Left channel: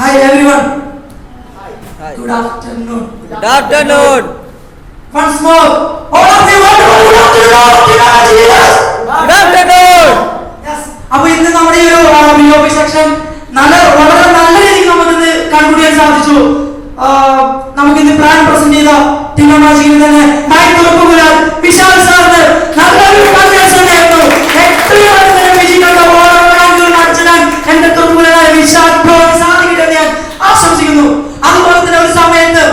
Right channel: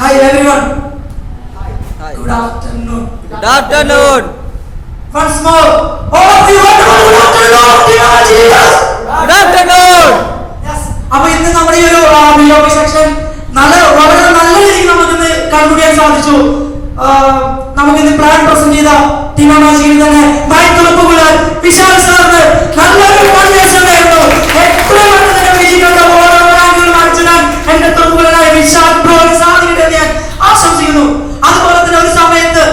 Hi everyone. Hi. Good afternoon. Good afternoon. Once more. All of you wonderful good afternoon. Jesus. Good afternoon. Yes. അപ്പോൾ ഇന്ന് നമ്മുടെ ഈ ഒരു ബിലോബി section വളരെ നല്ല രീതിയിൽ നമുക്കിന്ന് കൺക്ലൂഡ് ചെയ്യാൻ സാധിച്ചു. നമുക്കിന്ന് പ്ലാൻ പ്രസന്റ് ചെയ്ത ടീമാജിയിൽ തന്നെ നായികൾക്കുമുള്ള വിശാൽ സാറിന് നല്ലൊരു കൺവെൻഷൻ ആയിരുന്നു. ഏറ്റവും തന്നെ വിജയിക്കുന്ന ഓരോ ആളുകളും അർച്ചനാൻ എന്റെ തൊട്ടുമുള്ള വിശാൽ ബ്രോ സാധിക്കട്ടെ ഞാൻ ആശംസിക്കുന്നു. അതുപോലെ തന്നെ ഒരു സമയത്ത്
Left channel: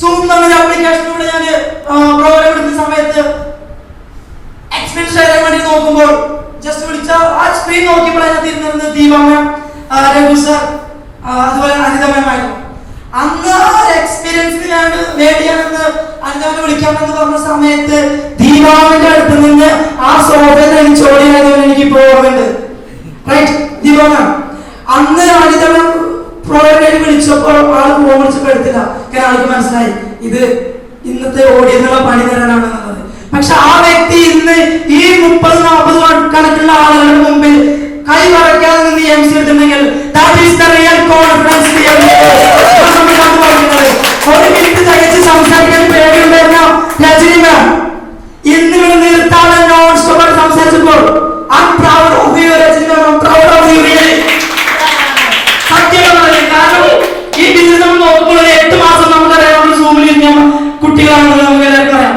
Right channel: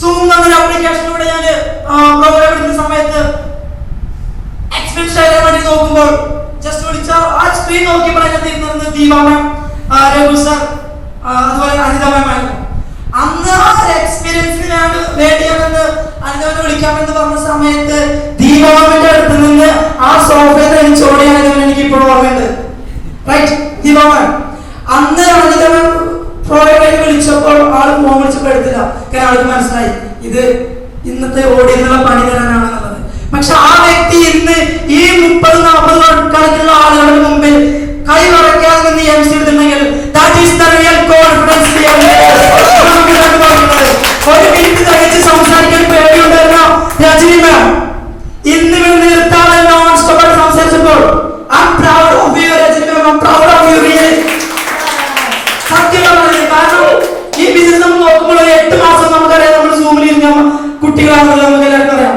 സൂം എന്ന ആപ്ലിക്കേഷനിലൂടെ ഞാൻ പ്രോഗ്രാം എടുക്കുന്ന സമയത്ത് എക്സ്പീരിയൻസ് ചെയ്യാൻ വേണ്ടി നോക്കുമ്പോൾ ജസ്റ്റ് വിളിച്ച ആ സ്ക്രീൻ നോക്കിയപ്പോൾ അതിനകത്ത് ഇരുന്നത് ദീപാമൻ, രഘു സാർ, അതുപോലെ അനിത മാം ആയിരുന്നു. അന്ന് ആ എക്സ്പീരിയൻസിനാണ് വേണ്ടിയാണെന്ന് അനിതാവിനെ വിളിക്കാമെന്ന് പറഞ്ഞ സമയത്ത് ദീപാമന്റെ അടുത്ത് നിന്ന് ആ സോഫയിൽ നിന്ന് ചോടിയായതുകൊണ്ട് എനിക്ക് ഇപ്പോൾ ഓർമ്മയുണ്ട്. റൈറ്റ് ദീപാമൻ, അന്ന് അനിത മാം പ്രോഗ്രാം വിളിച്ചപ്പോൾ ആൾ ഫോൺ വിളിച്ചപ്പോൾ എടുത്തില്ല. കാരണം ആൾക്ക് മനസ്സിലായി ഇത് ഇന്നത്തെ ഓടിയെന്നുള്ള പണി തരാനാണെന്നുള്ളത്. പക്ഷെ ആ വ്യക്തി ഇന്ന് ഈ 30-40 കണക്കുള്ള ആളുകളുടെ മുമ്പിൽ കൈ വറക്കാതെ നിന്ന് എംസി എടുത്തിട്ടുണ്ടെങ്കിൽ ഒരു മിനിറ്റ് തികച്ച് സംസാരിക്കാൻ പേടിയുണ്ടായിരുന്ന രജനി മാം ഇന്ന് ഇവിടെ നിർത്താതെ നോൺ സ്റ്റോപ്പ് സംസാരിച്ചപ്പോൾ I'm proud of you, Rajani ma'am. I'm proud of you really. സത്യം പറയുന്നത് കാരണം ഈ ബിസിനസ് നമ്മൾ നോക്കുമ്പോൾ 8 മാസം നമുക്കറിയാം നമ്മൾ സൂമിൽ ഇരുന്ന കുട്ടികളാണെന്ന് നമുക്ക് എല്ലാവർക്കും അറിയാം.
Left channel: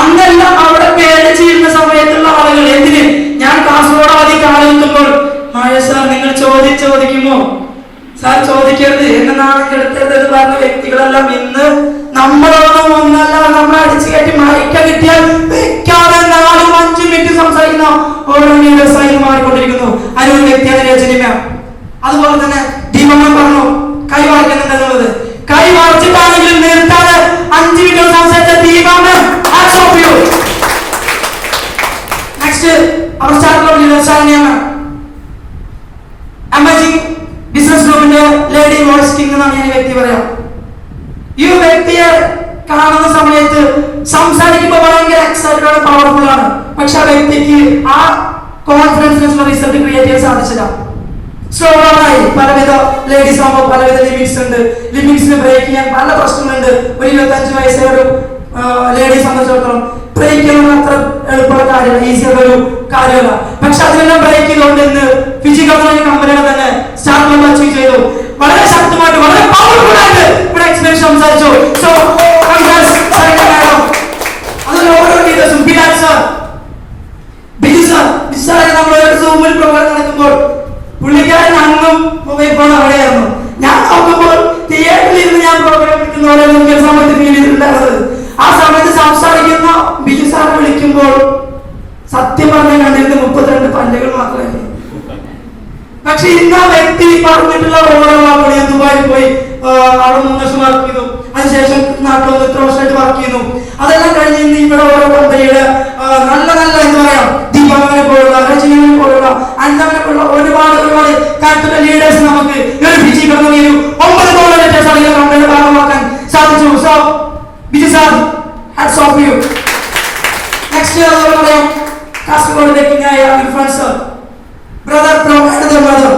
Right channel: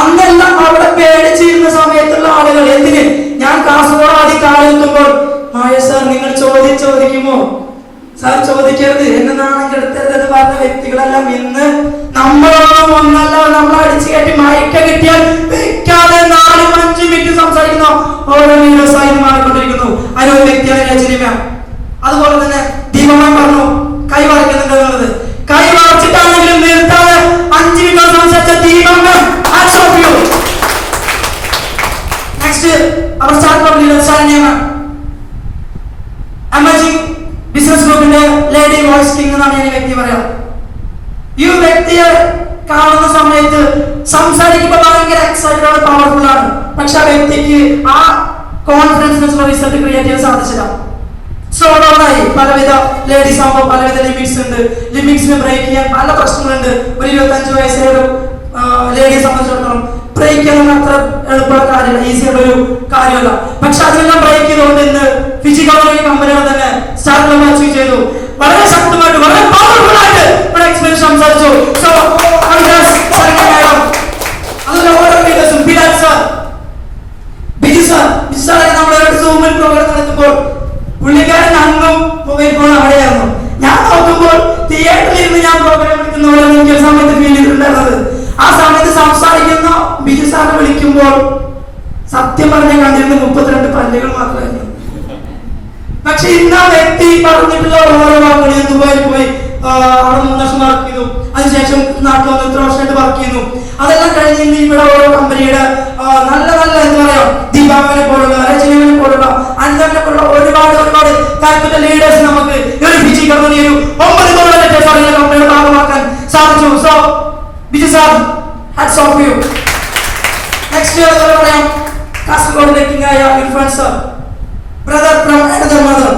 അന്നെല്ലാം അവിടെ പേടിച്ചിരുന്ന സമയത്തുള്ള ആളുകൾ എന്തിന് ഞാൻ കാസർഗോഡ് ആദ്യം കാണിക്കുമ്പോൾ മായ സാർ നിങ്ങൾ ചോദിക്കുമോ സാർ ചോദിക്കരുത് എന്നെ നാണെടുത്തത് എന്ന് പറഞ്ഞ വ്യക്തികളെല്ലാം ഇന്ന് നമ്മളോടും ഒന്നല്ല നമ്മൾ അടിച്ചു കയറ്റി മയക്ക കിട്ടിയാൽ വെക്കാതെ 4-5 മിനിറ്റ് സംസാരിക്കുന്ന ഓരോ ദിവസമായി മാറിക്കൊണ്ടിരിക്കുന്നു. അതിനൊരു വ്യക്തിയാണ് രജനി മാം. അതുപോലെ തന്നെ ദീപമാൻ പറഞ്ഞു കൈ വറക്കുന്നുണ്ട് എന്നുള്ളത്. കൈ വറച്ചിട്ടാണെങ്കിലും നിർത്താതെ 5 മിനിറ്റ് സംസാരിച്ച ദീപമാൻ നെക്സ്റ്റ് അവർ സ്റ്റാർട്ട് ശരണ്യ മാം, എമർജിംഗ് ബിസിനസ് ഗ്രൂപ്പിന്റെ ലേഡി വോയിസ് കിങ് എന്നാണ് ഞാൻ വ്യക്തി പറയാം. ഈ വ്യക്തിയെ കാണുന്ന സമയത്ത് സംസാരിക്കുമ്പോൾ ഭയങ്കര എക്സൈറ്റഡ് ആണ്, പവർഫുൾ ആണ്. പക്ഷെ ആ വ്യക്തിക്ക് ആ കോൺഫിഡൻസിനുള്ള റിസൾട്ട് ക്രിയേറ്റ് ചെയ്യാൻ സാധിച്ചില്ല. സ്ലോ ഡൗൺ ആയി. പലവിധ ലേഡീസ് ആകുമ്പോൾ പലവിധ ലിമിറ്റ്സ് ഉണ്ട്. ലിമിറ്റ്സിന് ബ്രേക്ക് ചെയ്യാൻ പല പ്രശ്നങ്ങളുണ്ട്. ഒരു 25 വയസ്സായ ഒരു ലേഡീയെ സംബന്ധിച്ചിടത്തോളം ബ്രേക്ക് ചെയ്യുന്നത് അത്ര എളുപ്പമുള്ള കാര്യമല്ല, ഈസിയുള്ള ഒരു കാര്യമല്ല. പക്ഷെ അതിനെല്ലാം ബ്രേക്ക് ചെയ്തുകൊണ്ട് ഇന്ന് ഫിസിക്കൽ കമ്പനികൾ തന്നെ സ്റ്റാർട്ട് അച്ചീവ് ചെയ്തു. വളരെ ശക്തമായിട്ട് വളരെ പവർഫുൾ ആയിട്ട് ഇവിടെ എക്സ്പീരിയൻസ് സംസാരിച്ചു. സോ അതുപോലെ ഓരോ ലീഡേഴ്സും ബിജു സാർ നമ്മുടെ സൂമിൽ പ്രോഗ്രാം നടക്കുമ്പോൾ പുള്ളിക്കാരൻ അങ്ങും മൊബൈൽ ഫോൺ അവിടെയായിരുന്നു. ഞാൻ നോക്കുമ്പോൾ തിയേറ്ററിൽ ഇരുന്ന് ഞാൻ പ്രോഗ്രാം എടുക്കുന്ന പോലെ നോക്കിയ സമയത്ത് ഫീൽ ചെയ്തിട്ടുണ്ടായിരുന്നത്. ആ സമയത്ത് സംസാരിക്കുന്ന ബിജു സാറിനെ വിളിക്കുമ്പോൾ സത്യം പറഞ്ഞ കണ്ടിരുന്ന 32 പല്ലുകൾ മാത്രമായിരുന്നു. പക്ഷെ ഇന്ന് ആ വ്യക്തി പറഞ്ഞിട്ടുള്ള ഓരോ വാക്കുകൾ, ഞാൻ ദുബായിൽ പോയി അവിടെ 3 വർഷം വർക്ക് ചെയ്തു, അതിനുശേഷം നാട്ടിൽ വന്ന് 3 വർഷമായിട്ട് വർക്ക് ചെയ്യുന്നു. അതെല്ലാം കഴിഞ്ഞ് ഇന്ന് ഇവിടെ ഓരോ കമ്പനിയുടെ നല്ല നല്ല എന്താ പറയാ ദീപാമനെ പോലുള്ള, രജനിനെ പോലുള്ള, അനിതനെ പോലുള്ള ഒരുപാട് കാര്യത്തിലുള്ള ലീഡേഴ്സ് നമുക്ക് ഒരു ഫിജി കമ്പനി ഒരു 9 കമ്പനിയുടെ ഭാഗമാക്കാൻ സാധിച്ചു. So Biju sir, hats off you. Next അതുപോലെ പറയാം കാസർഗോഡ് കിങ്ങായ Irfan sir, brother from another mother.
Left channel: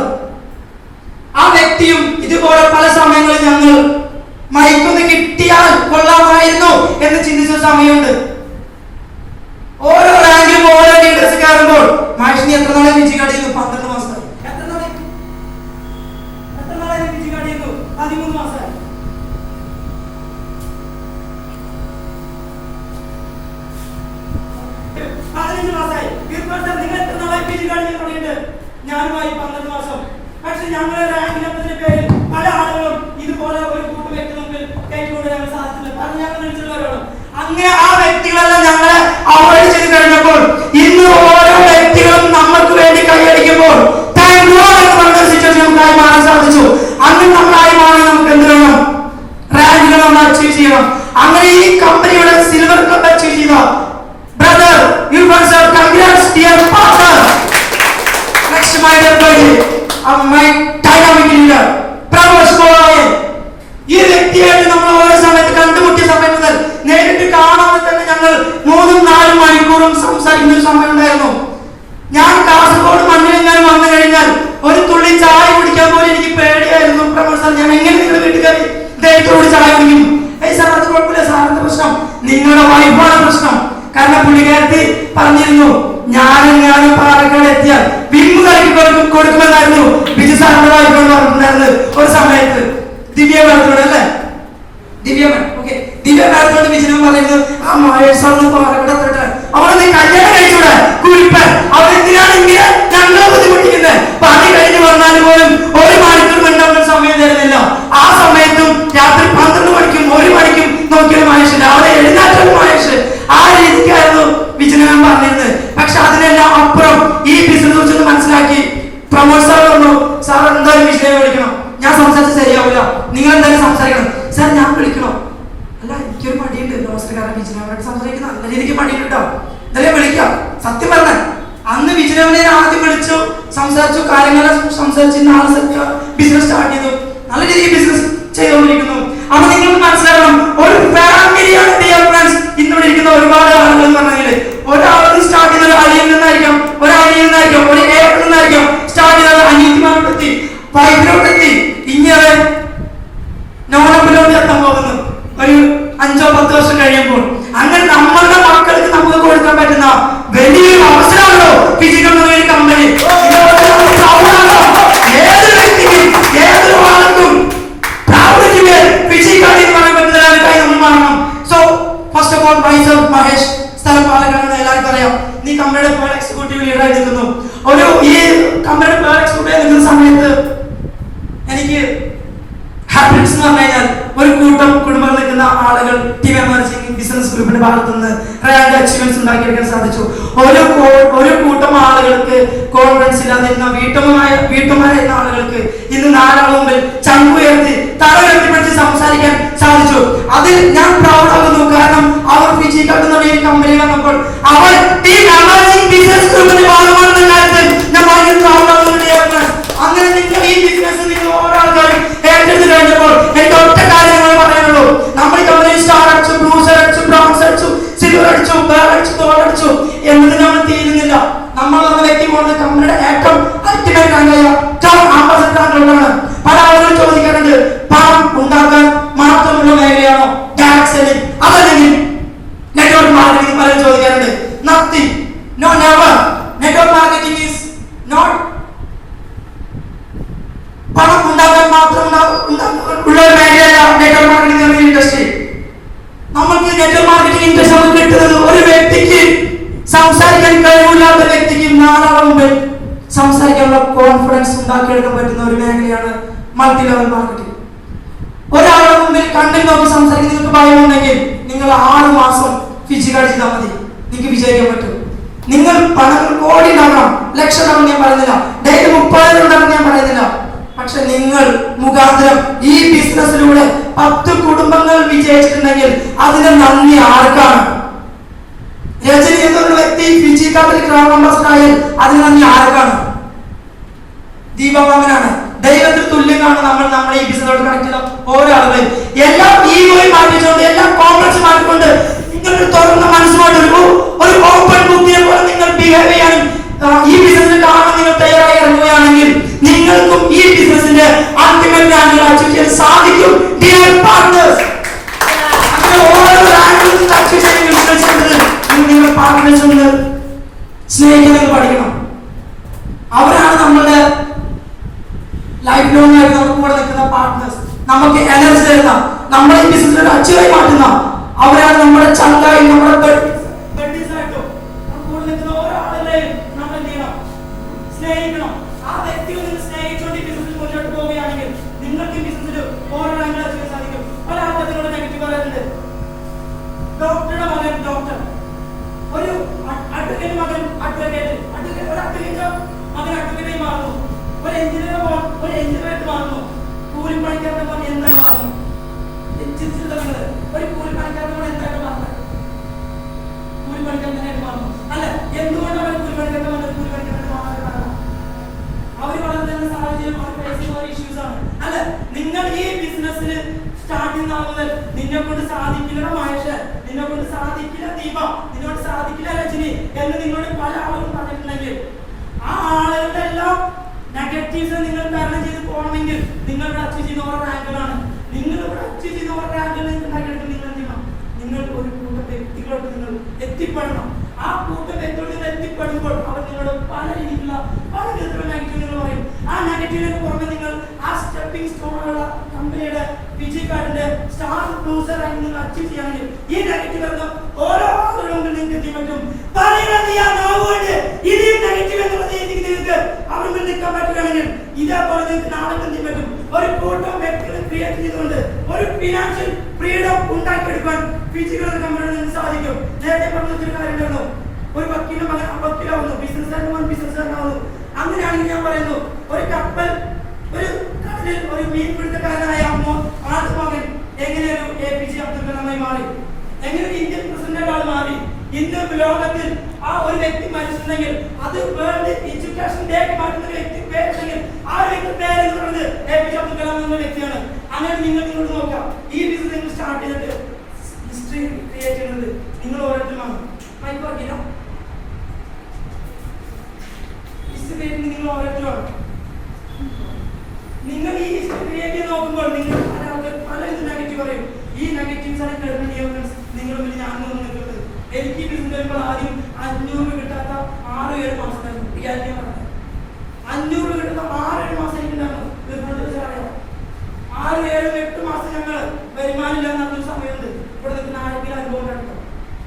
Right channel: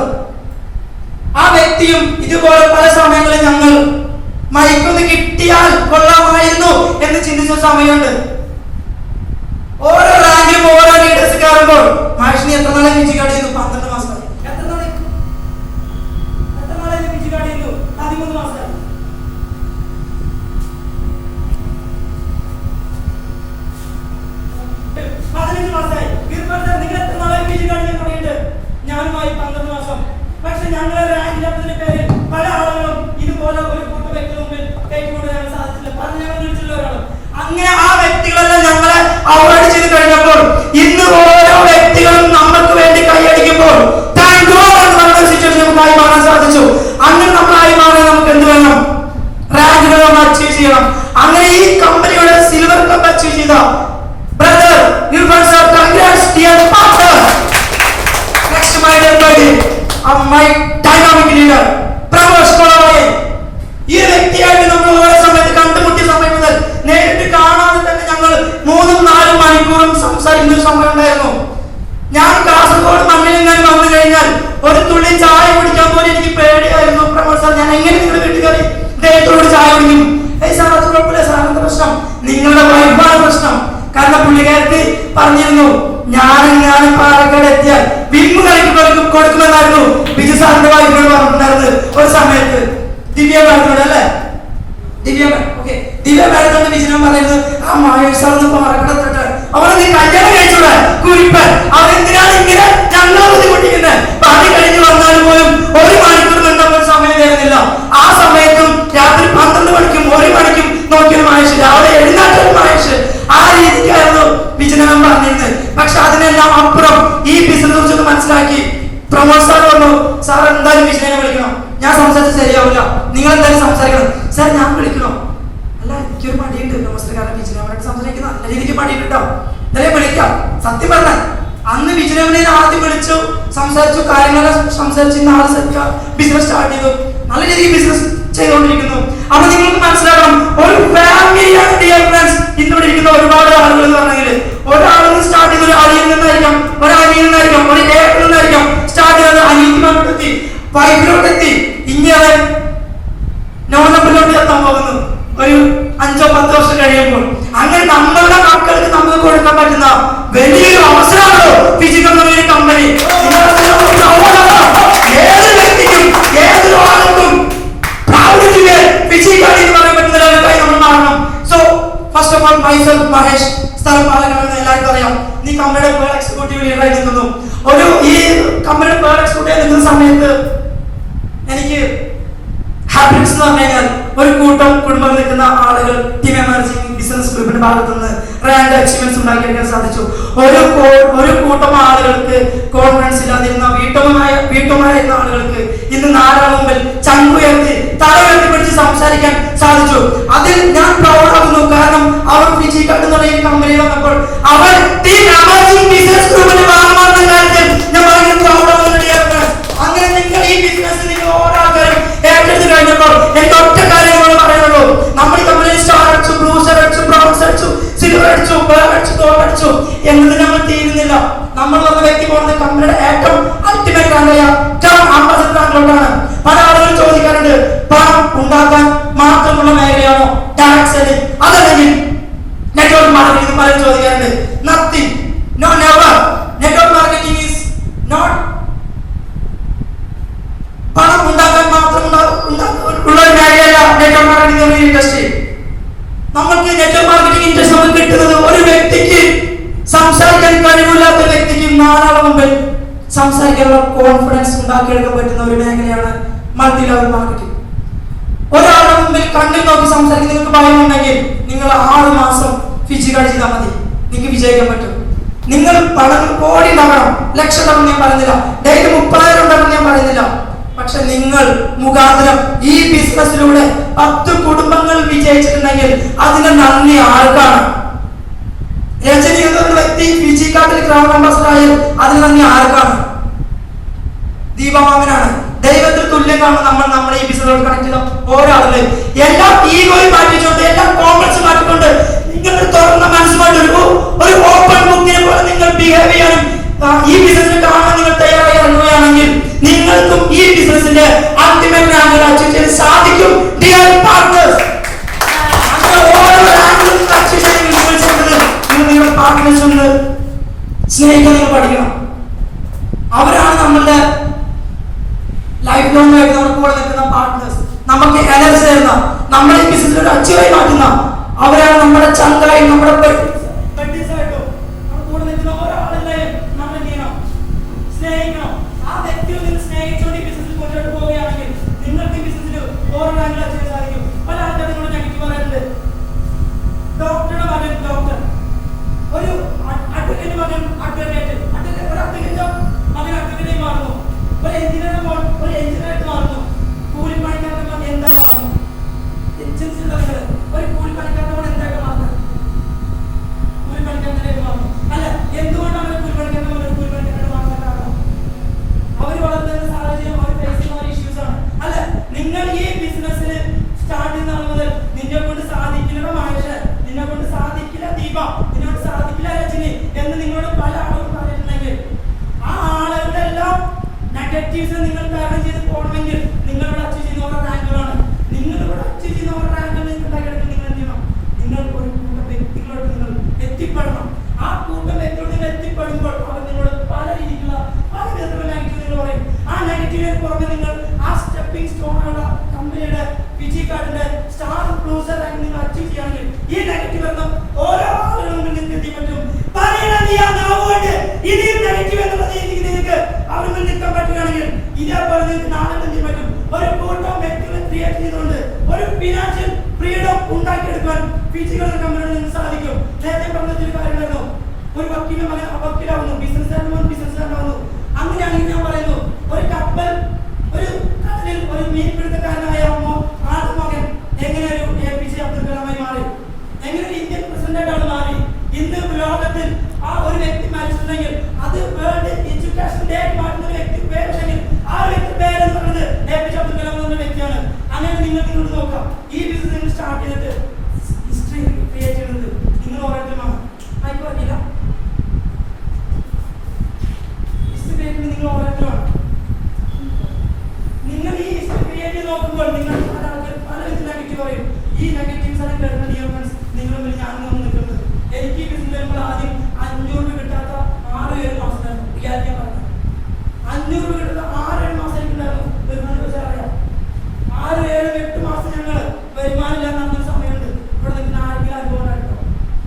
ആ വ്യക്തിയും ഇതുപോലെ പല സമയങ്ങളിൽ ഞങ്ങൾ മൈക്കൊന്ന് കിട്ടിയാൽ കൊള്ളാമായിരുന്നു എന്ന് ചിന്തിച്ച സമയമുണ്ട്. ഓരോ റാങ്കിലും ഓരോ ലീഡേഴ്സ് കയറുമ്പോൾ മാഷിനി എത്ര നാളെ പിജി കാണിയിരുന്നു? 12 മാസമായി. എത്ര നാളെ പിജി കാണിയിരുന്നു? 13 മാസമായി. 15 മാസമായി. നിങ്ങൾ എത്ര നാളെ പിജി കാണിക്കാൻ തുടങ്ങിയിട്ട്? ഞാനുമായി 12 മാസം. പക്ഷെ ഞങ്ങളെ റാങ്കിന്റെ പേര് പല ആളുകളും ഇതുപോലെ ഒരു കൂട്ടം വ്യക്തി മുമ്പിൽ കൈകൊണ്ട് ഞങ്ങൾ സാധിച്ചില്ല. കാരണം ഞങ്ങൾ വിളിച്ചിട്ടുള്ളവരാണ്. അങ്ങനെ ആ വ്യക്തികളെല്ലാം ഞങ്ങളെ അവോയ്ഡ് ചെയ്ത് കഴിഞ്ഞപ്പോൾ ഇന്ന് ഓരോ വ്യക്തികളും നമ്മൾക്ക് വേണ്ടി കൈയടിക്കുമ്പോൾ താങ്ക് യു എന്ന് പറഞ്ഞ സിറ്റുവേഷൻ നമുക്കായി മാറാൻ സാധിച്ചു. അങ്ങനെ നമ്മളായി മാറി നമുക്ക് എന്ത് വേണം? റാങ്കിനെ നമ്മൾ അച്ചീവ് ചെയ്യണം. അങ്ങനെ ഈ കമ്പനിയുടെ സിൽവർ കപ്പ് അച്ചീവ് ചെയ്ത brother Irfan sir, congrats dear partner. Next my dear buddy, my dynamic leader Pramosh Kolayan. ഈ വ്യക്തിയായിട്ട് നമ്മൾ ഓരോ സമയത്ത് കണ്ടുമുട്ടിയ സമയം മുതൽ നേരിട്ട് കാണാതെ തന്നെ ഞങ്ങൾ 3-4 മണിക്കൂറും സംസാരിക്കുന്ന ഒരു സമയം ഉണ്ടായിരുന്നു. ഞാൻ കാസർഗോഡ് മണ്ണിലെങ്ങാനും വന്നു കഴിഞ്ഞാൽ ഒരു തുള്ളി ചായ കുടിക്കാൻ പോലും എനിക്ക് പേടിയായിരുന്നു. പ്രമോദ് സാർ, ഞാൻ എങ്ങനെ നിങ്ങളുടെ വീട്ടുകാരി ദൈവത്തോട് ചായ കുടിക്കും? ഏയ് സാർ, അത് കുഴപ്പമില്ല സാർ, എന്താ പ്രശ്നം? നിങ്ങളുടെ വൈഫാണ് പ്രശ്നം. കാരണം പുള്ളിക്കാരത്തി പറഞ്ഞിരുന്നു, ഞാനും പാലക്കാട് എത്തിയാൽ വിമ്മു കളിക്ക് കൊടുക്കുമെന്നായിരുന്നു ബിജു സാറിന്റെ വൈഫാണ് പറഞ്ഞിട്ടുണ്ടായിരുന്നത് ഒരു സമയത്ത്. ദിവ്യ മാഡത്തോട് അല്ലേ, ദിവ്യ മാഡത്തോട് വിജയൻ പറയുന്നത്, ആ മഹേഷ് സാറിന് പാലക്കാട് എത്തട്ടെ, അവളെ നീ കല്യാണം കഴിച്ചൂടെ കുരിപ്പൻ, അവരെന്തിനാണ് ഇങ്ങനെ ഞങ്ങളെ ബുദ്ധിമുട്ടിക്കുന്നത്? പണി കഴിഞ്ഞ് വന്നാലും പോലും 1 മണിക്കൂർ മിണ്ടാൻ സമയം തരുന്നില്ല. ആ സമയത്തും രാത്രി 12 മണിക്കും 1 മണിക്കും നോക്കിയ മഹേഷ്, രാവിലെ എഴുന്നേറ്റൊരു മഹേഷ്. ആ രീതിക്കായിരുന്നു വിജയൻ പറഞ്ഞിരുന്നത്. പക്ഷെ അതിനെല്ലാം അപ്പുറം ഈ ബിസിനസ് കുറിച്ചൊന്ന് മനസ്സിലാക്കി പ്രമോദ് സാർ പറഞ്ഞു, സാർ എന്തായാലും വിജയനെ വിളിക്കണം, ഞാൻ സംസാരിച്ച് ശരിയാവില്ല, നിങ്ങൾ എന്തായാലും സംസാരിക്കണം. സാർ ഞാൻ വിളിക്കണോ? അല്ല, എനിക്കൊരു മടിയുണ്ട് നമസ്കാരം വിജയനവരായിട്ട് സംസാരിക്കുന്ന നല്ല രീതിക്ക് മടിയുണ്ട് കേട്ടോ, എന്തായാലും വിളിക്കാം. സത്യം പറഞ്ഞാൽ അന്ന് വിജയനവനെ ആദ്യം വിളിച്ചു, സംസാരിച്ചു, കാര്യങ്ങളെ സംസാരിച്ച് നാളെ ബിസിനസ് സ്റ്റാർട്ട് ചെയ്തു, നല്ല രീതിക്ക് ബിസിനസ് ചെയ്തുകൊണ്ടിരിക്കുന്നു. അപ്പൊ നിങ്ങൾക്ക് മനസ്സിലാക്കണം, ഒരു ഫാമിലിയാണ് ഡിയർ ഫ്രണ്ട്സ് ഇന്നിവിടെ ഇരിക്കുന്ന ഒരുപാട് ആളുകൾ എന്ന് പറഞ്ഞാൽ, ഒരാളത് സ്റ്റാർട്ട് ചെയ്ത ഒരു അനിയിൽ നിന്നായിരിക്കാം, ഒരു അനിയിൽ നിന്നായിരിക്കാം, ഒരു ഏട്ടനിൽ നിന്നായിരിക്കാം സ്റ്റാർട്ട് ചെയ്തത്, അനിയത്തിമാരോടെത്തി, വൈഫിനോടെത്തി, ഇങ്ങനെ നോണപ്പിലോട്ട് എത്താൻ പോകുന്നു ഒരു 5-10 വർഷം കഴിയുമ്പോൾ. അങ്ങനെ നമ്മളുടെ മക്കൾക്ക് നമുക്ക് കൊടുക്കാൻ പറ്റുന്ന വലിയൊരു അവസരമാണല്ലോ ഫിജിക്കൽ എന്നൊരു കമ്പനി. ഏതൊരു വ്യക്തിക്കും ഏതൊരു ആൾക്കും ഫിജിക്കാടി എന്ന് പറയാൻ പറ്റുന്നതിനായി നമ്മൾ മാറണം. So first of all myself Mahesh, സ്ഥലം പാലക്കാട്, എല്ലാവർക്കും അറിയാം. നീ കമ്പനിയുടെ പേർ എക്സിക്യൂട്ടീവ് ലീഡറായി നിൽക്കുന്നു. ഈ കമ്പനിയുടെ പേർ എക്സിക്യൂട്ടീവ് നിൽക്കുന്ന സമയത്ത് എനിക്ക് ഹാപ്പിനെസ് എന്ന് പറഞ്ഞു കഴിഞ്ഞാൽ ഒരു കൂട്ടം കുടുംബം നിൽക്കുന്ന ആളുകൾ ടീം എമർജിംഗ് ബിസിനസ് ഗ്രൂപ്പിന്റെ ഭാഗത്തു നിന്ന് റാങ്ക് അച്ചീവ്മെന്റ്സ് ഉണ്ടാക്കിയെടുക്കാൻ സാധിച്ചു. ഒരു കൂട്ടം ആളുകൾക്ക് കോൺഫിഡൻസ് ഇല്ലാതിരുന്ന വീട്ടുമാരായിരുന്ന ആളുകൾക്ക് ഇന്ന് 4 ആൾ മുമ്പിൽ ചങ്കുയർത്തി തല ഉയർത്തിപ്പിടിച്ച് സംസാരിക്കാൻ സാധിച്ചു. അതിൽ ഞാൻ പ്രൗഡ് ആകുന്നു. കാരണം അവർ ഫിജി കാർഡ് എന്നുള്ള ഈ കമ്പനി വന്നപ്പോൾ അവർ ടീം എമർജിംഗ് ബിസിനസ് ഗ്രൂപ്പിന്റെ ഭാഗമാണെന്ന കാര്യത്തിൽ ഞാൻ ഭയങ്കര പ്രൗഡ് ആകുന്നു. അങ്ങനെ നിങ്ങൾ ഈ ബിസിനസ് നിങ്ങൾ ഓരോ ആൾക്കാരും ഏറ്റെടുത്ത് കഴിഞ്ഞപ്പോൾ എനിക്ക് ഒറ്റ കാര്യമാണ് പറയാനുള്ളൂ. നമ്മൾ ഈ കമ്പനി സ്റ്റാർ അടിച്ചു, ബ്ലൂസർ അടിച്ചു, ബ്രൗൺസ് അടിച്ചു, സിൽവർ അടിച്ചു, പേൾ അടിച്ചു, ഗോൾഡ് അടിച്ചു എന്നത് നമ്മൾ തീരുന്നില്ല. നമ്മൾ വന്ന വ്യക്തി പോകുന്നത് കമ്പനിയുടെ ഏറ്റവും അൾട്ടിമേറ്റ് റാങ്കായ ടോപ്പ് അംബാസഡർ റാങ്കിലാണ്. പല ആളുകളും ചോദിക്കാറുണ്ട്, പണം ഉണ്ടാക്കാൻ മാത്രമുള്ള മേഖലയാണോ ഡയറക്ട് സെല്ലിംഗ്, അതല്ലെങ്കിൽ നെറ്റ്വർക്ക് മാർക്കറ്റിംഗ്? പലരും ചോദിക്കാറുണ്ട്. Nothing, no, never. Network marketing is not പണം ഉണ്ടാക്കാൻ മാത്രം ഉള്ള ഒരു മേഖലയല്ല നെറ്റ്വർക്ക് മാർക്കറ്റിംഗ് ഇൻഡസ്ട്രി. നമ്മൾക്ക് നെറ്റ്വർക്ക് മാർക്കറ്റിംഗ് ഇൻഡസ്ട്രി നമുക്ക് കിട്ടുന്നത് ഒരു വ്യക്തിക്ക് സംസാരിക്കാൻ കഴിവില്ലാത്ത വ്യക്തിക്ക് 4 ആളുടെ മുമ്പിൽ സംസാരിക്കാനുള്ള കോൺഫിഡൻസ് ഉണ്ടാക്കിയെടുക്കാൻ പറ്റുന്ന ഒരു മേഖലയാണ് മൾട്ടി ലെവൽ മാർക്കറ്റിംഗ്. ഒരാളുടെ മുമ്പിൽ കണ്ണിൽ നോക്കി സംസാരിക്കാൻ നിങ്ങൾക്ക് ഭയമുണ്ടെങ്കിൽ നിങ്ങൾ 6 മാസം ഫിജി കാർഡ് ചെയ്താൽ മതി, നിങ്ങൾക്ക് വിജയിക്കാൻ പറ്റും. നിങ്ങൾ പണം കോടി ഉണ്ടാക്കണം, ലക്ഷം ഉണ്ടാക്കണം ഞാൻ പറയുന്നില്ല, ഡെയിലി 30,000 ഉണ്ടാക്കണം ഞാൻ പറയുന്നില്ല. പക്ഷെ നിങ്ങൾ മുഖാന്തരം ഈ ബിസിനസ്സിലൂടെ 10 കുടുംബങ്ങൾ വിജയിച്ചിട്ടുണ്ടെങ്കിൽ അതിന് നന്ദി ആർക്കാണ്? രജനി എന്നൊരു വ്യക്തി ഫിജി കാർഡിൽ ഗ്രാൻഡ് അംബാസഡർ ആയാൽ അതിന് നന്ദി ആർക്കാണ്? ദീപമാമനാണ്. ദൈവത്തിൽ തുല്യമാണ് നമ്മൾ ഈ ബിസിനസ്സിലോട് കണക്ട് ചെയ്ത ഓരോ ആളുകളും. എല്ലാം ഈഗോയിൽ മാറ്റിക്കൊണ്ട്, എല്ലാം കോംപ്ലക്സ് മാറ്റിക്കൊണ്ട് നിങ്ങൾക്ക് തുറന്ന മനസ്സുമായിട്ട് ഒരു ഓപ്പൺ ബുക്കിനെ പോലെ നിങ്ങൾ ബിഹേവ് ചെയ്യാനും ഈ ബിസിനസ്സിൽ കാണാൻ നിങ്ങൾ തയ്യാറായി ഇറങ്ങുകയാണെങ്കിൽ നിങ്ങൾക്കും ഈ ബിസിനസിന്റെ അൾട്ടിമേറ്റ് റാങ്കിൽ അച്ചീവ് ചെയ്യാൻ സാധിക്കും. ഡിയർ പാർട്ട്നേഴ്സ്, നിങ്ങളുടെ പാർട്ട്നേഴ്സ് ഒന്ന് സ്നേഹിക്കാൻ നിങ്ങൾ പഠിക്കണം. അവരാണ് നമ്മളുടെ ലൈഫ് ലോങ് ആയിട്ട് നമുക്ക് കൂടെ നിൽക്കുന്ന പാർട്ട്നേഴ്സ്, നമുക്ക് എനർജി തരുന്ന, നമ്മളെ ബിസിനസ് അച്ചീവായി മാറ്റുന്ന അവരാണ്. നമ്മുടെ ചങ്കായി, നമ്മുടെ സ്നേഹിക്കണം. ആ വ്യക്തിയെ നിങ്ങൾ സ്നേഹിച്ചുകൊണ്ട് ഈ ബിസിനസ്സിൽ മുന്നോട്ട് പോവുകയാണെങ്കിൽ നിങ്ങൾക്ക് ഈ ബിസിനസ്സിൽ ഓരോ റാങ്കിൽ അച്ചീവ് സാധിക്കും. പല ആൾക്കാരോട് നെഗറ്റീവ് പറയാറുണ്ട്. ഡോക്ടറുടെ മകൻ ഡോക്ടർ, ഒരു അഡ്വക്കേറ്റ് മകൻ അഡ്വക്കേറ്റ്, ഒരു അഡ്വക്കേറ്റ് മകൻ അഡ്വക്കേറ്റായി മാറുന്നു, ഒരു എഞ്ചിനീയർ മകൻ ഒരു എഞ്ചിനീയറായിട്ട് മാറുന്നു, കൂലിപ്പണിക്കാരുടെ മകൻ എന്തായി മാറുന്നു, ഒരു കൂലിപ്പണിക്കാരുടെ മകൻ എന്തായിട്ട് മാറുന്നത്? കൂലിപ്പണിക്കാരനായിട്ട് മാറുന്നു. അല്ല, എന്തുകൊണ്ടാണ് കൂലിപ്പണിക്കാരുടെ മകൻ ഒരു കൂലിപ്പണിക്കാരനായിട്ട് മാറാൻ കാരണം? അവർ വളർന്ന സാഹചര്യം, അവർ ഫേസ് ചെയ്യുന്ന ഇഷ്യൂസ് ആണ്. അല്ല, നിങ്ങൾ ഈ ബിസിനസ്സിൽ സ്റ്റാർട്ട് ചെയ്യുന്ന ആൾ മുതൽ നിന്നെ കൊണ്ട് സാധിക്കില്ല മഹേഷ്, നിന്നെ കൊണ്ട് സാധിക്കില്ല ദീപ, നിന്നെ കൊണ്ട് സാധിക്കില്ല രജനി എന്ന് നിങ്ങളോട് പല ആളുകളും പറഞ്ഞിട്ടുണ്ടെങ്കിൽ ആ ആളുകളുടെ എല്ലാം നെഗറ്റീവ്സ് നിങ്ങൾ തരണം ചെയ്ത് പോകണമെങ്കിൽ നിങ്ങൾ ഇവിടെ അച്ചീവ് ചെയ്യുന്ന ഓരോ റാങ്കുകളാണ്. നിങ്ങൾ ഇവിടെ അച്ചീവ് ചെയ്യുന്ന ഓരോ റാങ്കുകൾ നിങ്ങൾ ഉണ്ടാക്കിയെടുക്കാൻ നിങ്ങൾ എന്ത് ചെയ്യണം? നിങ്ങൾ ഒരു കൂട്ടം വ്യക്തികളോട് നിങ്ങൾ എത്തിപ്പെടണം. ആ കൂട്ടം വ്യക്തികളോട് നിങ്ങൾ എത്തിപ്പെടുമ്പോൾ അവർ നിങ്ങളോട് പല രീതിയിലുള്ള പല വിധത്തിലുള്ള നെഗറ്റീവ് നിങ്ങൾ പറയും. ആ നെഗറ്റീവിന് പുറമെ നിങ്ങൾ ആ സ്റ്റെപ്പിംഗ് സ്റ്റോണുള്ള കമ്പനിയുടെ ഫിജി കാർഡിന്റെ സ്റ്റാർ ബ്ലൂസർ ആയി നിങ്ങൾ അച്ചീവ് ചെയ്യുകയാണെങ്കിൽ ഈ നെഗറ്റീവ് എല്ലാം ഓരോ ആളുകളും നിങ്ങൾക്ക് എത്തി പറ്റും. ഇതേ നെഗറ്റീവ് എന്നുള്ളത് നിങ്ങൾക്ക് അവിടെ നിൽക്കാൻ പറ്റുകയാണെങ്കിൽ ഇതേപോലെ നിങ്ങൾക്ക് നാളെ എന്ത് പറ്റും? ഒരു കൂട്ടം വ്യക്തികളെ ക്രിയേറ്റ് ചെയ്തുകൊണ്ട് ഒരു ഫിനാൻഷ്യൽ ഫ്രീഡം ഉണ്ടാക്കിയെടുക്കാൻ ഫിജികളുടെ കമ്പനികൾ നിങ്ങൾക്ക് സാധിക്കും. നേരത്തെ പറഞ്ഞൊരു കാര്യം ഉണ്ടായിരുന്നു, ഒരു വക്കീലിന്റെ മകൻ വക്കീലാവുന്നു, ബിസിനസ്സുകാരന്റെ മകൻ ബിസിനസ്സുകാരനാവുന്നു. അങ്ങനെയാണെങ്കിൽ ഞാൻ പറയുന്നു, ഒരു കപ്പൽ ഒരു കടലിൽ ഒരു മീൻപിടുത്തക്കാരനായ ആദ്യ മകൻ എങ്ങനെ ഒരു APJ അബ്ദുൽ കലാമായി മാറി, എങ്ങനെ ഇന്ത്യൻ പ്രസിഡന്റായിട്ട് ആൾ മാറി. ഇന്ന് ലോകത്തിൽ ആ ഒരു വ്യക്തി മരിച്ചിട്ടുണ്ടെങ്കിൽ അത് വേൾഡ് എഡ്യൂക്കേഷൻ ഡേക്ക് മാറ്റുന്ന ഒരു വ്യക്തി പേരുണ്ടെങ്കിൽ ആ ഒരു വ്യക്തി പേര് എന്ന് പറയുന്നത് APJ അബ്ദുൽ കലാം എന്ന വ്യക്തിയാണ്. അങ്ങനെ നിങ്ങൾക്ക് ഇങ്ങോട്ട് നോക്കാം, ഈ ബിസിനസ് നിങ്ങൾ സ്റ്റാർട്ട് ചെയ്തിട്ട് ഹിസ്റ്ററി ക്രിയേറ്റ് ചെയ്യുന്നത് നിങ്ങൾ ഓരോരുത്തരുമാണ്. മൈക്ക് വർക്കില്ല, ഹിസ്റ്ററി ക്രിയേറ്റ് നിങ്ങൾ ഓരോരുത്തരുമാണ്. നിങ്ങൾ ഈ ഹിസ്റ്ററി ക്രിയേറ്റ് നോക്കുമ്പോൾ നിങ്ങൾ പല നെഗറ്റീവ് പറയും. ഈ നെഗറ്റീവ്സ് ആണ് കേൾക്കുന്നത്. നിങ്ങളും ഞാനും നിൽക്കുന്നത്. എനിക്ക് ബിസിനസ് വരുമ്പോൾ ആദ്യം 500 കിട്ടാത്ത 6-7 മാസമായിരുന്നു. റിയാലിറ്റി പറഞ്ഞു 500 കിട്ടുന്ന 6-7 മാസം എനിക്കുണ്ടായിരുന്നു. 6-7-8 മാസം ഞങ്ങൾ വരുമാനം ഇല്ലാന്നൊരു സമയമുണ്ട്. ഇവിടെ നിൽക്കുന്ന ആരെങ്കിലും അനുഭവം ഉണ്ടായിരുന്നു?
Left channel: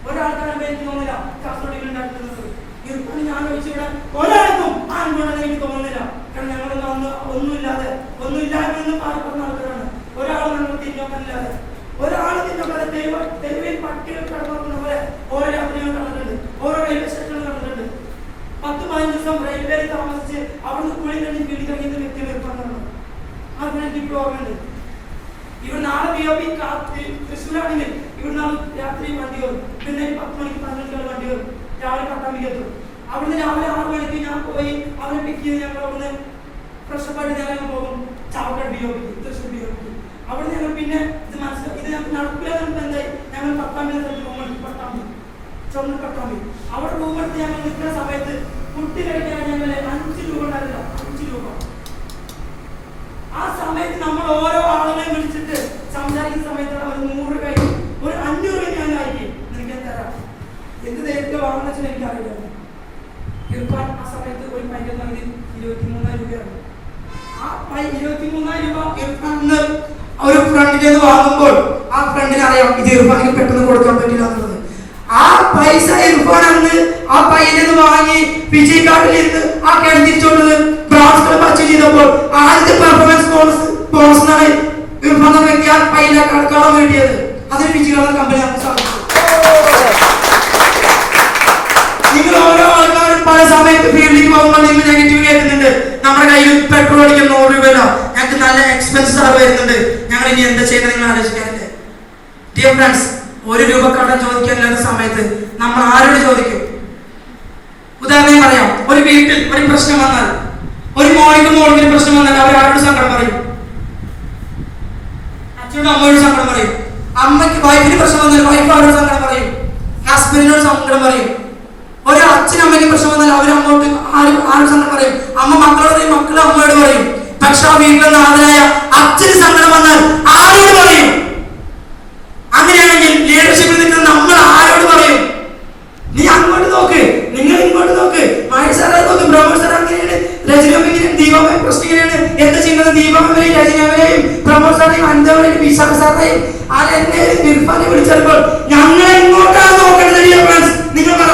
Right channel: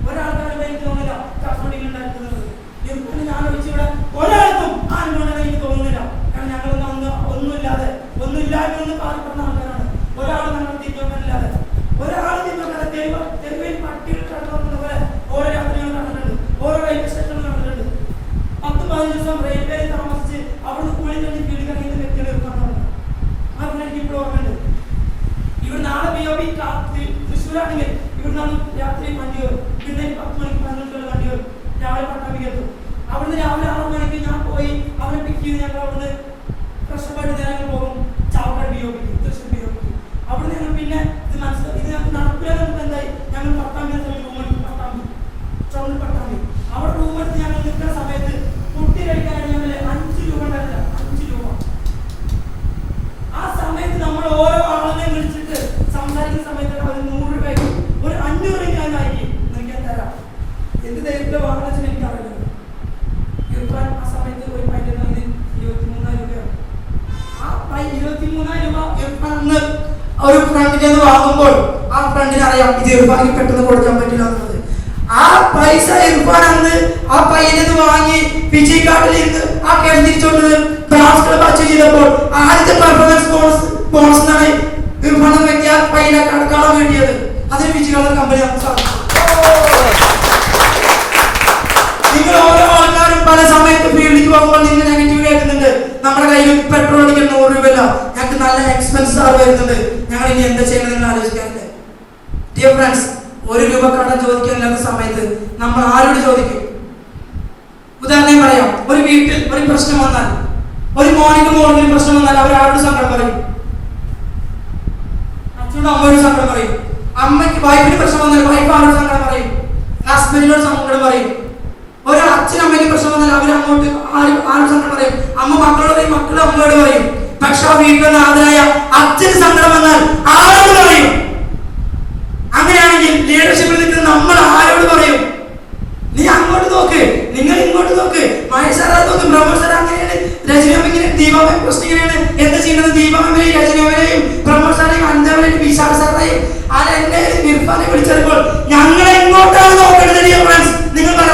ഒരാൾക്കാരും എനിക്ക് തോന്നുന്നില്ല കാസർഗോഡ് ഉണ്ടായിരുന്നത്. ഇപ്പം ഞാൻ ഒഴിച്ചിവിടെ ഒരാൾക്കും ആ അനുഭവം എനിക്ക് തോന്നുന്നില്ല. കാരണം ഞങ്ങളൊന്നും ഒന്നുമില്ലാതെ ഒന്നും പറഞ്ഞ ആൾക്കാരാണ്. ഒരാൾ ഞങ്ങൾ തിരിഞ്ഞോക്കാനില്ലാതെ ഒരാൾ തിരിഞ്ഞോക്കാതെ തെരുവിൽ പട്ടികൾ കടന്നു പോലെ ഓരോ രാത്രികൾ നടന്നിട്ടുണ്ട്, ഓരോ റെയിൽവേ സ്റ്റേഷനിൽ നടന്നിട്ടുണ്ട്. 10-15 ദിവസം റെയിൽവേയിൽ താമസിച്ച് അവിടുന്ന് കൂടി കഴിഞ്ഞ് വീട് കഴിയുന്ന വ്യക്തികൾ പറഞ്ഞത് അത് എനിക്ക് ഇപ്പോൾ ഓർമ്മയുണ്ട്. ഇവിടെ നാളെ BOP തൃശ്ശൂരാണെങ്കിൽ ഇവിടെ നാളെ രാത്രി വണ്ടി കയറും, പിന്നെ 10 മണിക്ക് 15 വണ്ടി കയറും, രാവിലെ പട്ടാമ്പി എത്തും. അവിടുന്ന് രാവിലെ 6 മണിക്ക് ഞാൻ പോയി അവരെ പിക്ക് ചെയ്ത് ഞങ്ങൾ അവിടുന്ന് ഫ്രഷപ്പായിട്ട് നേരം പോകും ചാവക്കാട് BOP തൃശ്ശൂർ BOP. അവിടുന്ന് ഞങ്ങൾ പിന്നെ ഇത് മനസ്സിലാക്കി, ഇത് ഞങ്ങൾക്ക് നടപ്പിലാകുന്നത് എന്തായി, ഞങ്ങൾ പട്ടാമ്പി പട്ടാമ്പി അവിടെ റൂം എടുത്ത് ഞങ്ങൾ നിൽക്കുന്ന സമയത്ത് ഫുഡ് കഴിക്കാൻ ഞങ്ങൾ 5 രൂപ ഉണ്ടാവില്ല, 5 രൂപ. ആ സമയത്ത് നമ്മൾ ഓരോ ആളുകളെയും വിളിച്ചിട്ട് സംസാരിക്കുന്ന സമയത്ത് ഒരു 100 രൂപയ്ക്ക് ഒരു 500 ഞാൻ ആയിരിക്കും എനിക്ക് തരാം. എന്ത് ധൈര്യത്തിലോ വാങ്ങുന്ന വെച്ചാൽ എനിക്കറിയില്ല. ഇർഫാൻ ആ സമയത്ത് ഒരു പൈസ 23,000 രൂപയാണ്. ആ 23,000 രൂപ ഇർഫാൻ ഒരു ഫ്രണ്ടിൽ നിന്ന് വാങ്ങുമ്പോൾ ആ ഫ്രണ്ടിന് അറിയാം ഇത് ഇർഫാനിക്ക് പെട്ടെന്ന് കൊടുക്കാൻ പറ്റില്ല എന്നുള്ളത്. ആ പൈസ ഇർഫാൻ അന്ന് ആ പയ്യനിൽ വാങ്ങി ഫിജി കാർഡിൽ ഇരുന്ന് ആ ക്യാഷ് തിരിച്ചുകൊണ്ട് ബ്രാസ് ക്ലബ് അച്ചീവ് ചെയ്തപ്പോൾ ആദ്യത്തെ പെർഫോമൻസ് ബോണസിനാണ് ഇർഫാൻ എന്ന വ്യക്തി ആ പയ്യനെ കടം വേണ്ടിയത്. അതിന് ഫിജി കാർഡ് കമ്പനി നമുക്ക് സാധിച്ചു. നിങ്ങൾ ഓരോ ആൾക്കാരും പല സമയത്ത് ഫീൽഡിലേക്ക് പോകുമ്പോൾ നിങ്ങൾ നെഗറ്റീവ് കേൾക്കുന്നുണ്ട്. നമ്മുടെ കയ്യിൽ പെട്രോൾ അടിക്കാൻ 100 രൂപയില്ല, ഞങ്ങൾക്ക് നല്ല എക്സ്പെൻസ് വരുന്നുണ്ട്, ഞങ്ങൾ ഇനി എന്താ ചെയ്യുന്നത് നിങ്ങൾ ആലോചിക്കാറില്ലേ? ഡിയർ ഫ്രണ്ട്സ്, 1 രൂപ കടം ചോദിക്കാനില്ലാത്ത സമയത്ത് നമ്മൾ ആരോട് ചോദിക്കും? ഉദാഹരണം പറയാം, ഒരു വീട്ടിൽ ഒരു പ്രശ്നം വന്നാൽ, ഒരു മോളിന് പ്രശ്നം വന്നാൽ അവർ ആരോട് സങ്കടം പറയും? അച്ഛനോട് അമ്മയോട് സങ്കടം പറയും. അമ്മയ്ക്ക് വൈഫിന് പ്രശ്നം വന്നാൽ വൈഫ് ആരോട് സങ്കടം പറയും? ഹസ്ബൻഡിനോട് സങ്കടം പറയും. ഒരു അച്ഛനമ്മയ്ക്ക് പ്രശ്നം വന്നാൽ അവർ അങ്ങോട്ട് ആരോട് സങ്കടം പറയും? അമ്മ മക്കളോട് പറയും, മക്കൾ അമ്മയോട് പറയും. പക്ഷെ ആ വീട്ടിലെ നാഥനായ അച്ഛന് സങ്കടം വന്നാൽ ആരോട് പറയും? അങ്ങനെയാണെങ്കിൽ ലീഡർഷിപ്പിൽ നിൽക്കുന്ന നമ്മൾ ആരോട് പറയും? നീ അങ്ങോട്ട് നോക്ക്, നിങ്ങൾ ഇങ്ങോട്ട് നോക്ക്. മഹേഷ് സാറെ നോക്ക്, പ്രമോദ് സാർ അങ്ങനെയാണ്, രജനിയമ്മ ദീപാമ പ്രശ്നം ഇങ്ങനെയാണ്. എന്താ ചെയ്യുന്നത്? ദീപാമയും രജനിയമ്മയും പ്രമോദ് സാറേയും അഞ്ചാമയും വിശാഖ സാറേയും അതെന്നെ ഇർഫാനെ വിളിച്ചപ്പോൾ ഞങ്ങളെ ഇങ്ങോട്ടാണ് നോക്കേണ്ടത്. നിങ്ങൾ പറ,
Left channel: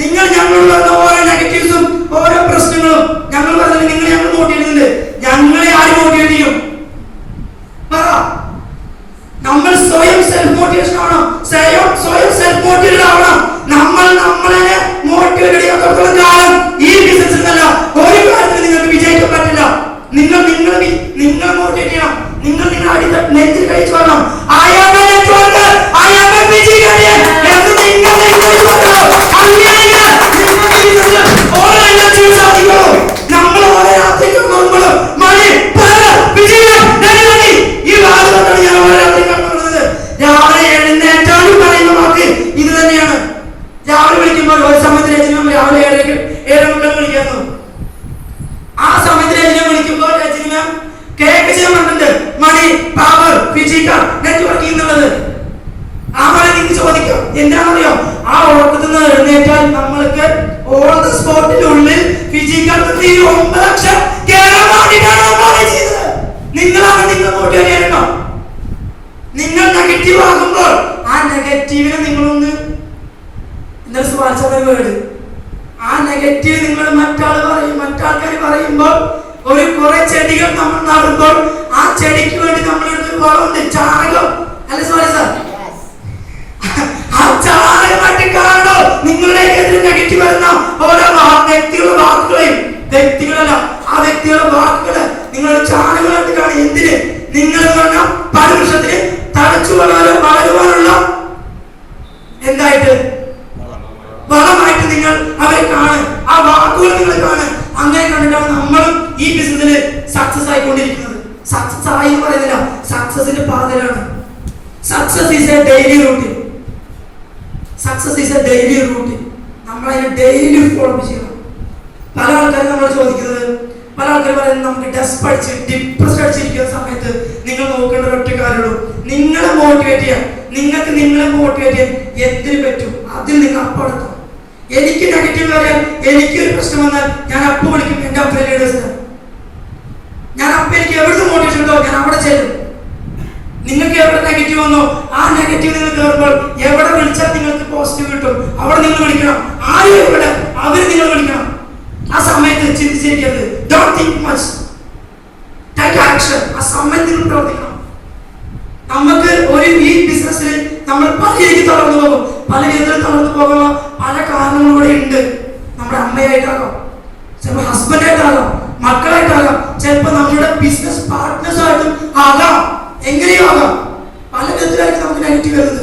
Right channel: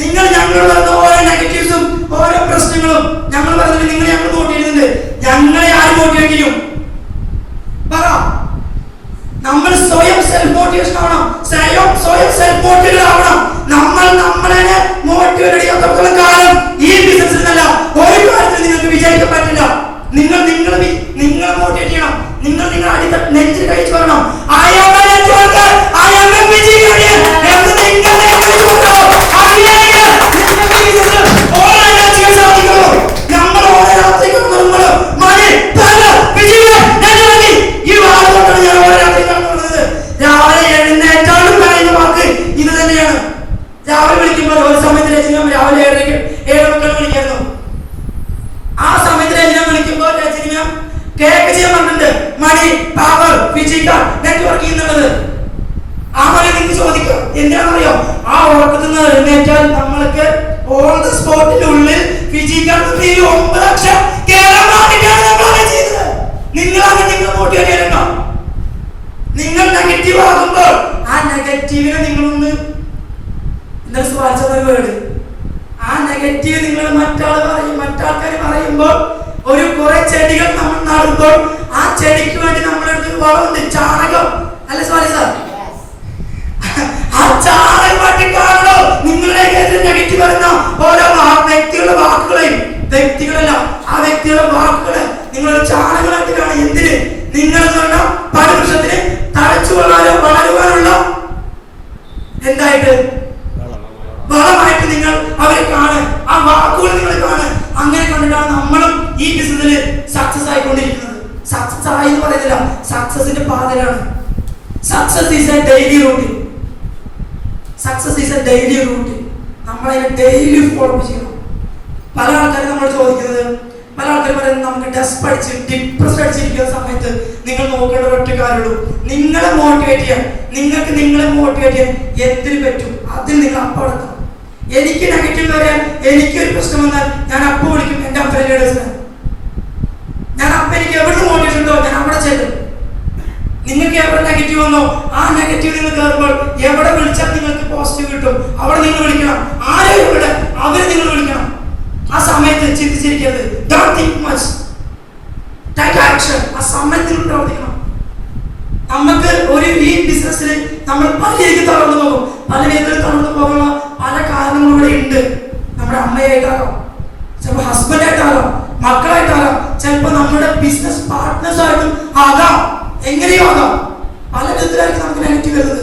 നിങ്ങൾ ഞങ്ങളോട് പറഞ്ഞ ഓരോ നെഗറ്റീവ്സും ഓരോ പ്രശ്നങ്ങളും ഞങ്ങൾ പറഞ്ഞിട്ട് നിങ്ങൾ ഞങ്ങൾ മോട്ടിവേറ്റ് ചെയ്യുന്നുണ്ട്. ഞങ്ങളെ ആര് മോട്ടിവേറ്റ് ചെയ്യും? പറ. നമ്മൾ സ്വയം സെൽഫ് മോട്ടിവേഷൻ ആവണം, സ്വയം സെൽഫ് മോട്ടിവേറ്റഡ് ആവണം. നമ്മൾ നമ്മളെ മോട്ടിവേറ്റ് ചെയ്യാത്തോളം കാലം ഈ ബിസിനസ്സിൽ നല്ല ഒരു കാര്യത്തിൽ നിങ്ങൾക്ക് വിജയിക്കാൻ പറ്റില്ല. നിങ്ങൾ മോട്ടിവേറ്റ് ചെയ്യണം. നിങ്ങൾ അടി നെഞ്ചിൽ കഴിച്ചു വരണം. നമ്മൾ ഓരോ രാത്രി രാവിലെ എഴുന്നേറ്റാലും പറയുന്ന വാക്ക് ഇത് തന്നെയാണ്. രാവിലെ വിളിക്കുമ്പോൾ ഒരു സമയത്ത് രാവിലെ 7:30 വിളിക്കുന്നു. ആ സമയത്ത് കുറെ ചെടികൾ നമ്മൾ നടുമ്പോൾ ആ ചെടിക്ക് വേണ്ടി നമ്മളെടുത്തൊരു വളമുണ്ട്, ചാണകം അല്ല സോറി സാർ, ആ ചാണകമായിട്ട് കാണോ നിങ്ങളുടെ നെഗറ്റീവ് വരുന്ന ഓരോ വ്യക്തികളുടെ വാക്കുകളെയും, വ്യക്തികളല്ല ആ വ്യക്തികളുടെ വാക്കുകളെ നിങ്ങൾ ചാണകമായിട്ട് കാണും. എന്തിന്? നിങ്ങൾ പല വർഷത്തിന് തഴച്ചു വളരുവാനുള്ള എന്തായിട്ട് വളമായിട്ട് നിങ്ങൾ അവരെ കാണുക, ആ വാക്കുകൾ നിങ്ങൾ കാണുക. അങ്ങനെ കണ്ടിട്ടാണ് നമ്മളും ഈ ബിസിനസ്സിൽ സക്സസ് ആയിക്കൊണ്ടിരിക്കുന്നത്. സക്സസ് ആയി എന്ന് പറയുന്നില്ല, സക്സസിന്റെ പാതയിലാണ്. Success is A daily routine. Success is A daily routine. നമ്മളതിനെ ഡെയിലി ഫോളോ ചെയ്യണം. പല ആൾക്കാരും നമ്മൾ ചോദിക്കുന്നത്, പല ആൾക്കാർ പറയുന്നത് നമുക്ക് ഡെസ്പ് അടിച്ച് ഡിപ്രസ്ഡ് അടിച്ചിരിക്കുന്ന സമയത്ത് നിങ്ങൾ നോക്കേണ്ട ഒറ്റ കാര്യമുള്ളൂ, നിങ്ങളെ മോട്ടിവേറ്റ് ചെയ്യാൻ. നിങ്ങൾക്ക് നിങ്ങളെ മോട്ടിവേറ്റ് ചെയ്യാൻ എന്തിനു പറ്റും അതിൽ നിങ്ങൾ അപ്പടക്കണം. എനിക്ക് നെഗറ്റീവ് പറയാൻ, എനിക്കൊരു പ്രശ്നം വന്നാൽ ഞാൻ അപ്പം വിളിക്കും എൻ്റെ അപ്പ ലീഡേഴ്സിന്. ഞാൻ അപ്പം എനിക്ക് എവിടുന്ന് മോട്ടിവേഷൻ ഉണ്ടോ ഞാൻ അവിടെ ചെല്ലും. നിങ്ങൾക്ക് എവിടെ നെഗറ്റീവ് വന്നോ ആ നെഗറ്റീവ് നിങ്ങൾ കയറുമ്പോൾ എവിടെ വിളിച്ചാൽ നിങ്ങൾക്ക് പോസിറ്റീവ് കിട്ടും അവിടെ നിങ്ങൾ വിളിക്കണം. ആരും ഇവിടെ അവര് നിങ്ങൾ വിളിക്കണം. ആ സമയത്ത് ചിന്തിച്ചിരിക്കരുത്. Don't think much, take action. ആ സമയത്ത് നിങ്ങൾ പ്രവർത്തിക്കണം. നമുക്ക് ഒരു ഈ ബിസിനസ്സിൽ നമ്മൾ പല രീതിക്ക് തളർന്നു പോകും. പല വിധത്തിൽ തളർന്നു പോകുമ്പോൾ പല കാരണങ്ങളിലൂടെ ഉണ്ട്. നമ്മുടെ അമ്മയായിട്ടാകാം, ചിലപ്പോൾ ഹസ്ബൻഡായിട്ടാകാം, മക്കളായിട്ടാകാം, ചിലപ്പോൾ നമ്മുടെ ബിസിനസ് പാർട്ട്നേഴ്സ് ആയിട്ടും ആകാം. എങ്ങനെയോ ആകാം. പല വിധത്തിലായിരിക്കും നമുക്ക് നെഗറ്റീവ് വരുന്നത്.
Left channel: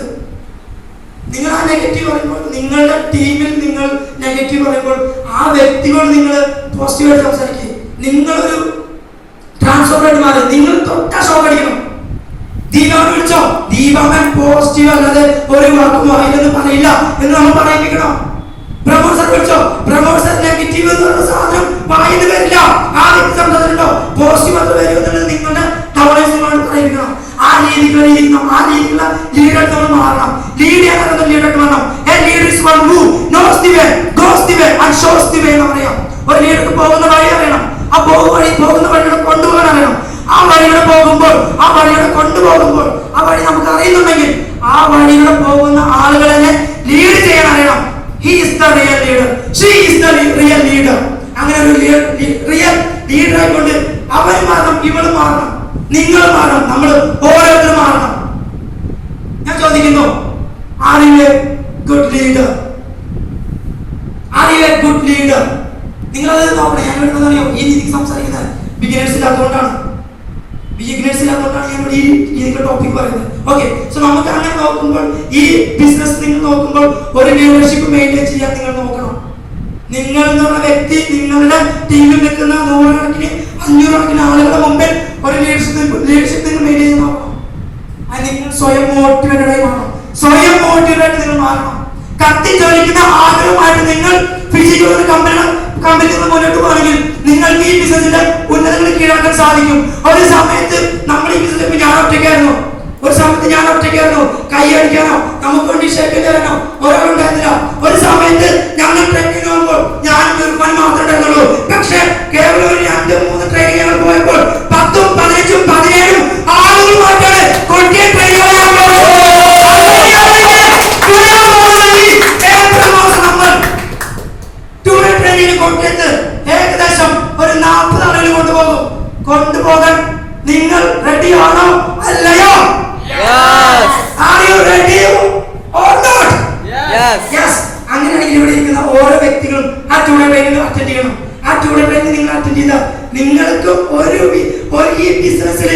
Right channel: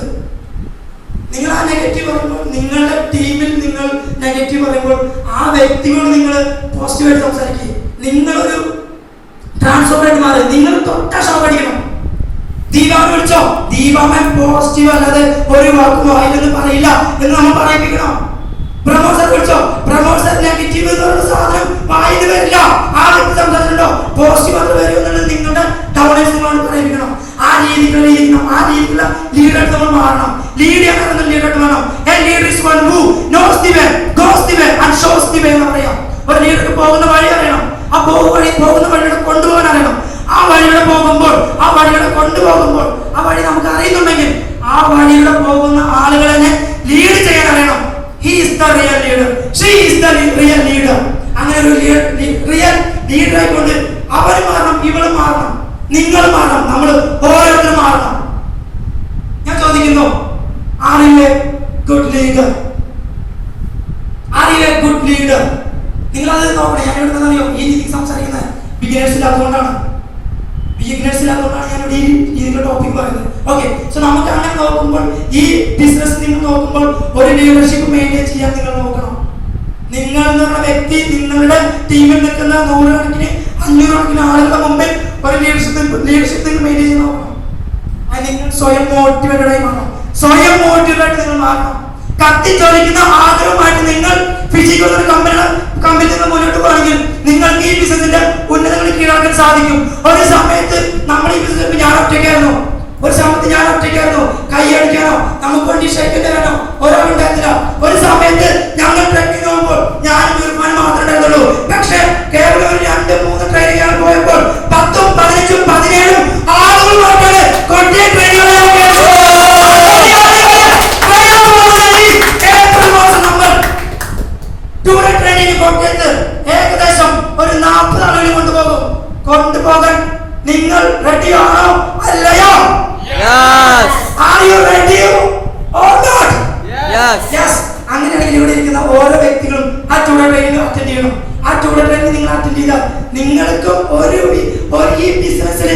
നിങ്ങൾ ആ നെഗറ്റീവ് പറയുമ്പോൾ, നിങ്ങളുടെ ടീമിൽ നിങ്ങൾ നെഗറ്റീവ് പറയുമ്പോൾ ആ വ്യക്തികളോട് നിങ്ങൾ പോസിറ്റീവായിട്ട് സംസാരിക്കുക. നിങ്ങളൊരു ട്രാൻസ്ഫോർമായിട്ട് മാറി. നിങ്ങൾ തൊട്ടാ ഷോപ്പ് അടിക്കണം. ദീപാവിനെ വിളിച്ചോ, ദീപാവൻ പോസിറ്റീവ് അല്ലാതെ ഒരു വാക്കും വായില്ലെന്ന് പറയില്ല എന്ന് നമ്മൾ പറയിപ്പിക്കണം. പ്രമോദ് സാർ വിളിച്ചോ, പ്രമോദ് സാർ നെഗറ്റീവ് എന്ന് പറയുന്ന സാധനം വായിന്ന് വരില്ല. ആ വ്യക്തി സംസാരിച്ചിട്ടുണ്ടോ പോസിറ്റീവ് മാത്രം വരും എന്നുള്ളത് നിങ്ങളുടെ ടൗണേഴ്സ് നിങ്ങളോട് പറയിപ്പിക്കണം. ആ രീതിക്കുള്ള ലീഡർ നമ്മൾ മാറണം. ലീഡ് ചെയ്യാൻ ലീഡർ മാറണം. A leader is one who knows the way, goes the way and shows the way എന്ന് പറയാം. ഒരു ലീഡർക്ക് പോകുന്ന വഴി അറിയണം. ആ പോകുന്ന വഴിയുടെ കൊണ്ടുപോകാൻ അറിയണം. ആ വഴിയുടെ പോകുമ്പോൾ, ആ വഴിയുടെ കൊണ്ടുപോകുമ്പോൾ, ആ വഴി നമുക്ക് അറിയുന്നുണ്ടെങ്കിൽ ആ വഴിയുടെ പോകുന്ന ആളുകളെ ലീഡ് ചെയ്യാൻ അറിയണം. He is the real leader. She is the real leader. അങ്ങനെ ഒരു റിയൽ ലീഡർ ആയിക്കൊണ്ട് അവർ മാറണം, ഇവൾ മാറണം, നിങ്ങൾ മാറണം, നമ്മൾ ഓരോരുത്തരും മാറണം. ഞാൻ ചോദിക്കുന്നു, are you a good leader? Are you a good leader? നിങ്ങൾ അത് നോക്കണം. ഞാൻ ഇവിടെ അറിയോ ഈ രീതിക്ക് സംസാരിക്കുന്നത് ബിഗിനേഴ്സ് ഇല്ലാത്തതുകൊണ്ടാണ്. ഞാൻ ഈ രീതിയിലുള്ള ടോപ്പിക് പറയുന്നത്. ഓക്കെ, സോ നമുക്ക് അങ്ങനെ നോക്കുമ്പോൾ ഈ ബിസിനസ് നിങ്ങൾ നോക്കുമ്പോൾ ഒരു ലീഡർഷിപ്പ് മെയിൻറ്റെയിൻ ചെയ്യാൻ നിങ്ങൾ നോക്കണം. നിങ്ങൾ എന്ന് പറഞ്ഞ വ്യക്തി നിങ്ങളുടെ ടീമിൽ നിൽക്കുന്ന 100 കണക്കിന് 500 കണക്കിന് ആളുകളുടെ മുമ്പിൽ ഒരു ലീഡർഷിപ്പ് നിങ്ങൾ മെയിൻറ്റെയിൻ ചെയ്യാൻ നോക്കണം. അത് നിങ്ങൾ സ്വയം മോട്ടിവേറ്റഡ് ആയി മാറണം. സ്വയം മോട്ടിവേറ്റഡ് ആയിട്ട് നിങ്ങൾ മാറണം. കത്തിച്ചൊലിക്കുന്ന ആഗ്രഹമായിട്ട് നിങ്ങൾ ഫിസിക്കൽ കമ്പനിയിൽ നിന്ന് മുന്നോട്ട് പോകണമെങ്കിൽ നിങ്ങൾക്ക് ഈ ബിസിനസിന്റെ ഉന്നതങ്ങൾ കീഴടക്കാൻ സാധിക്കും. ഒരു സമയത്ത് നമ്മൾ ഈ ബിസിനസ് ഞാൻ ഒറ്റയ്ക്കായിരുന്നു. കൈ അടിക്കാനോ നമുക്ക് വേണ്ടി ഷേക്ക് തരാനോ ഒരാളുണ്ടായിരുന്നില്ല. ഒരു സമയത്ത് ഞങ്ങൾ ട്രെയിനിങ് പോകുമ്പോൾ ഞാനും തീർമാനം മാത്രമേ ഉണ്ടായിരുന്നുള്ളൂ. പക്ഷെ കേവലം ഒരു 2-3 ട്രെയിനിങ് പോയപ്പോൾ 10, 15, 17 ആളുകളുമായിട്ടാണ് കൊട്ടിയ ട്രെയിനിങ് കൊട്ടിയത്ത് ഏകദേശം ഒരു 40 ആളുകൾ കൊണ്ടുപോകാൻ നിങ്ങൾ റെഡിയാണോ അല്ലയോ? Are you ready or not? Yes. അങ്ങനെയാണെങ്കിൽ ഇവിടെ ഇരിക്കുന്ന ഓരോ വ്യക്തികളും ആ ടൂഡേ ട്രെയിനിങ് അറ്റൻഡ് ചെയ്യണം. ആ ടൂഡേ ട്രെയിനിങ് നിങ്ങൾ അറ്റൻഡ് ചെയ്താൽ നിങ്ങൾക്കും ഒരു ഈ ബിസിനസ്സിൽ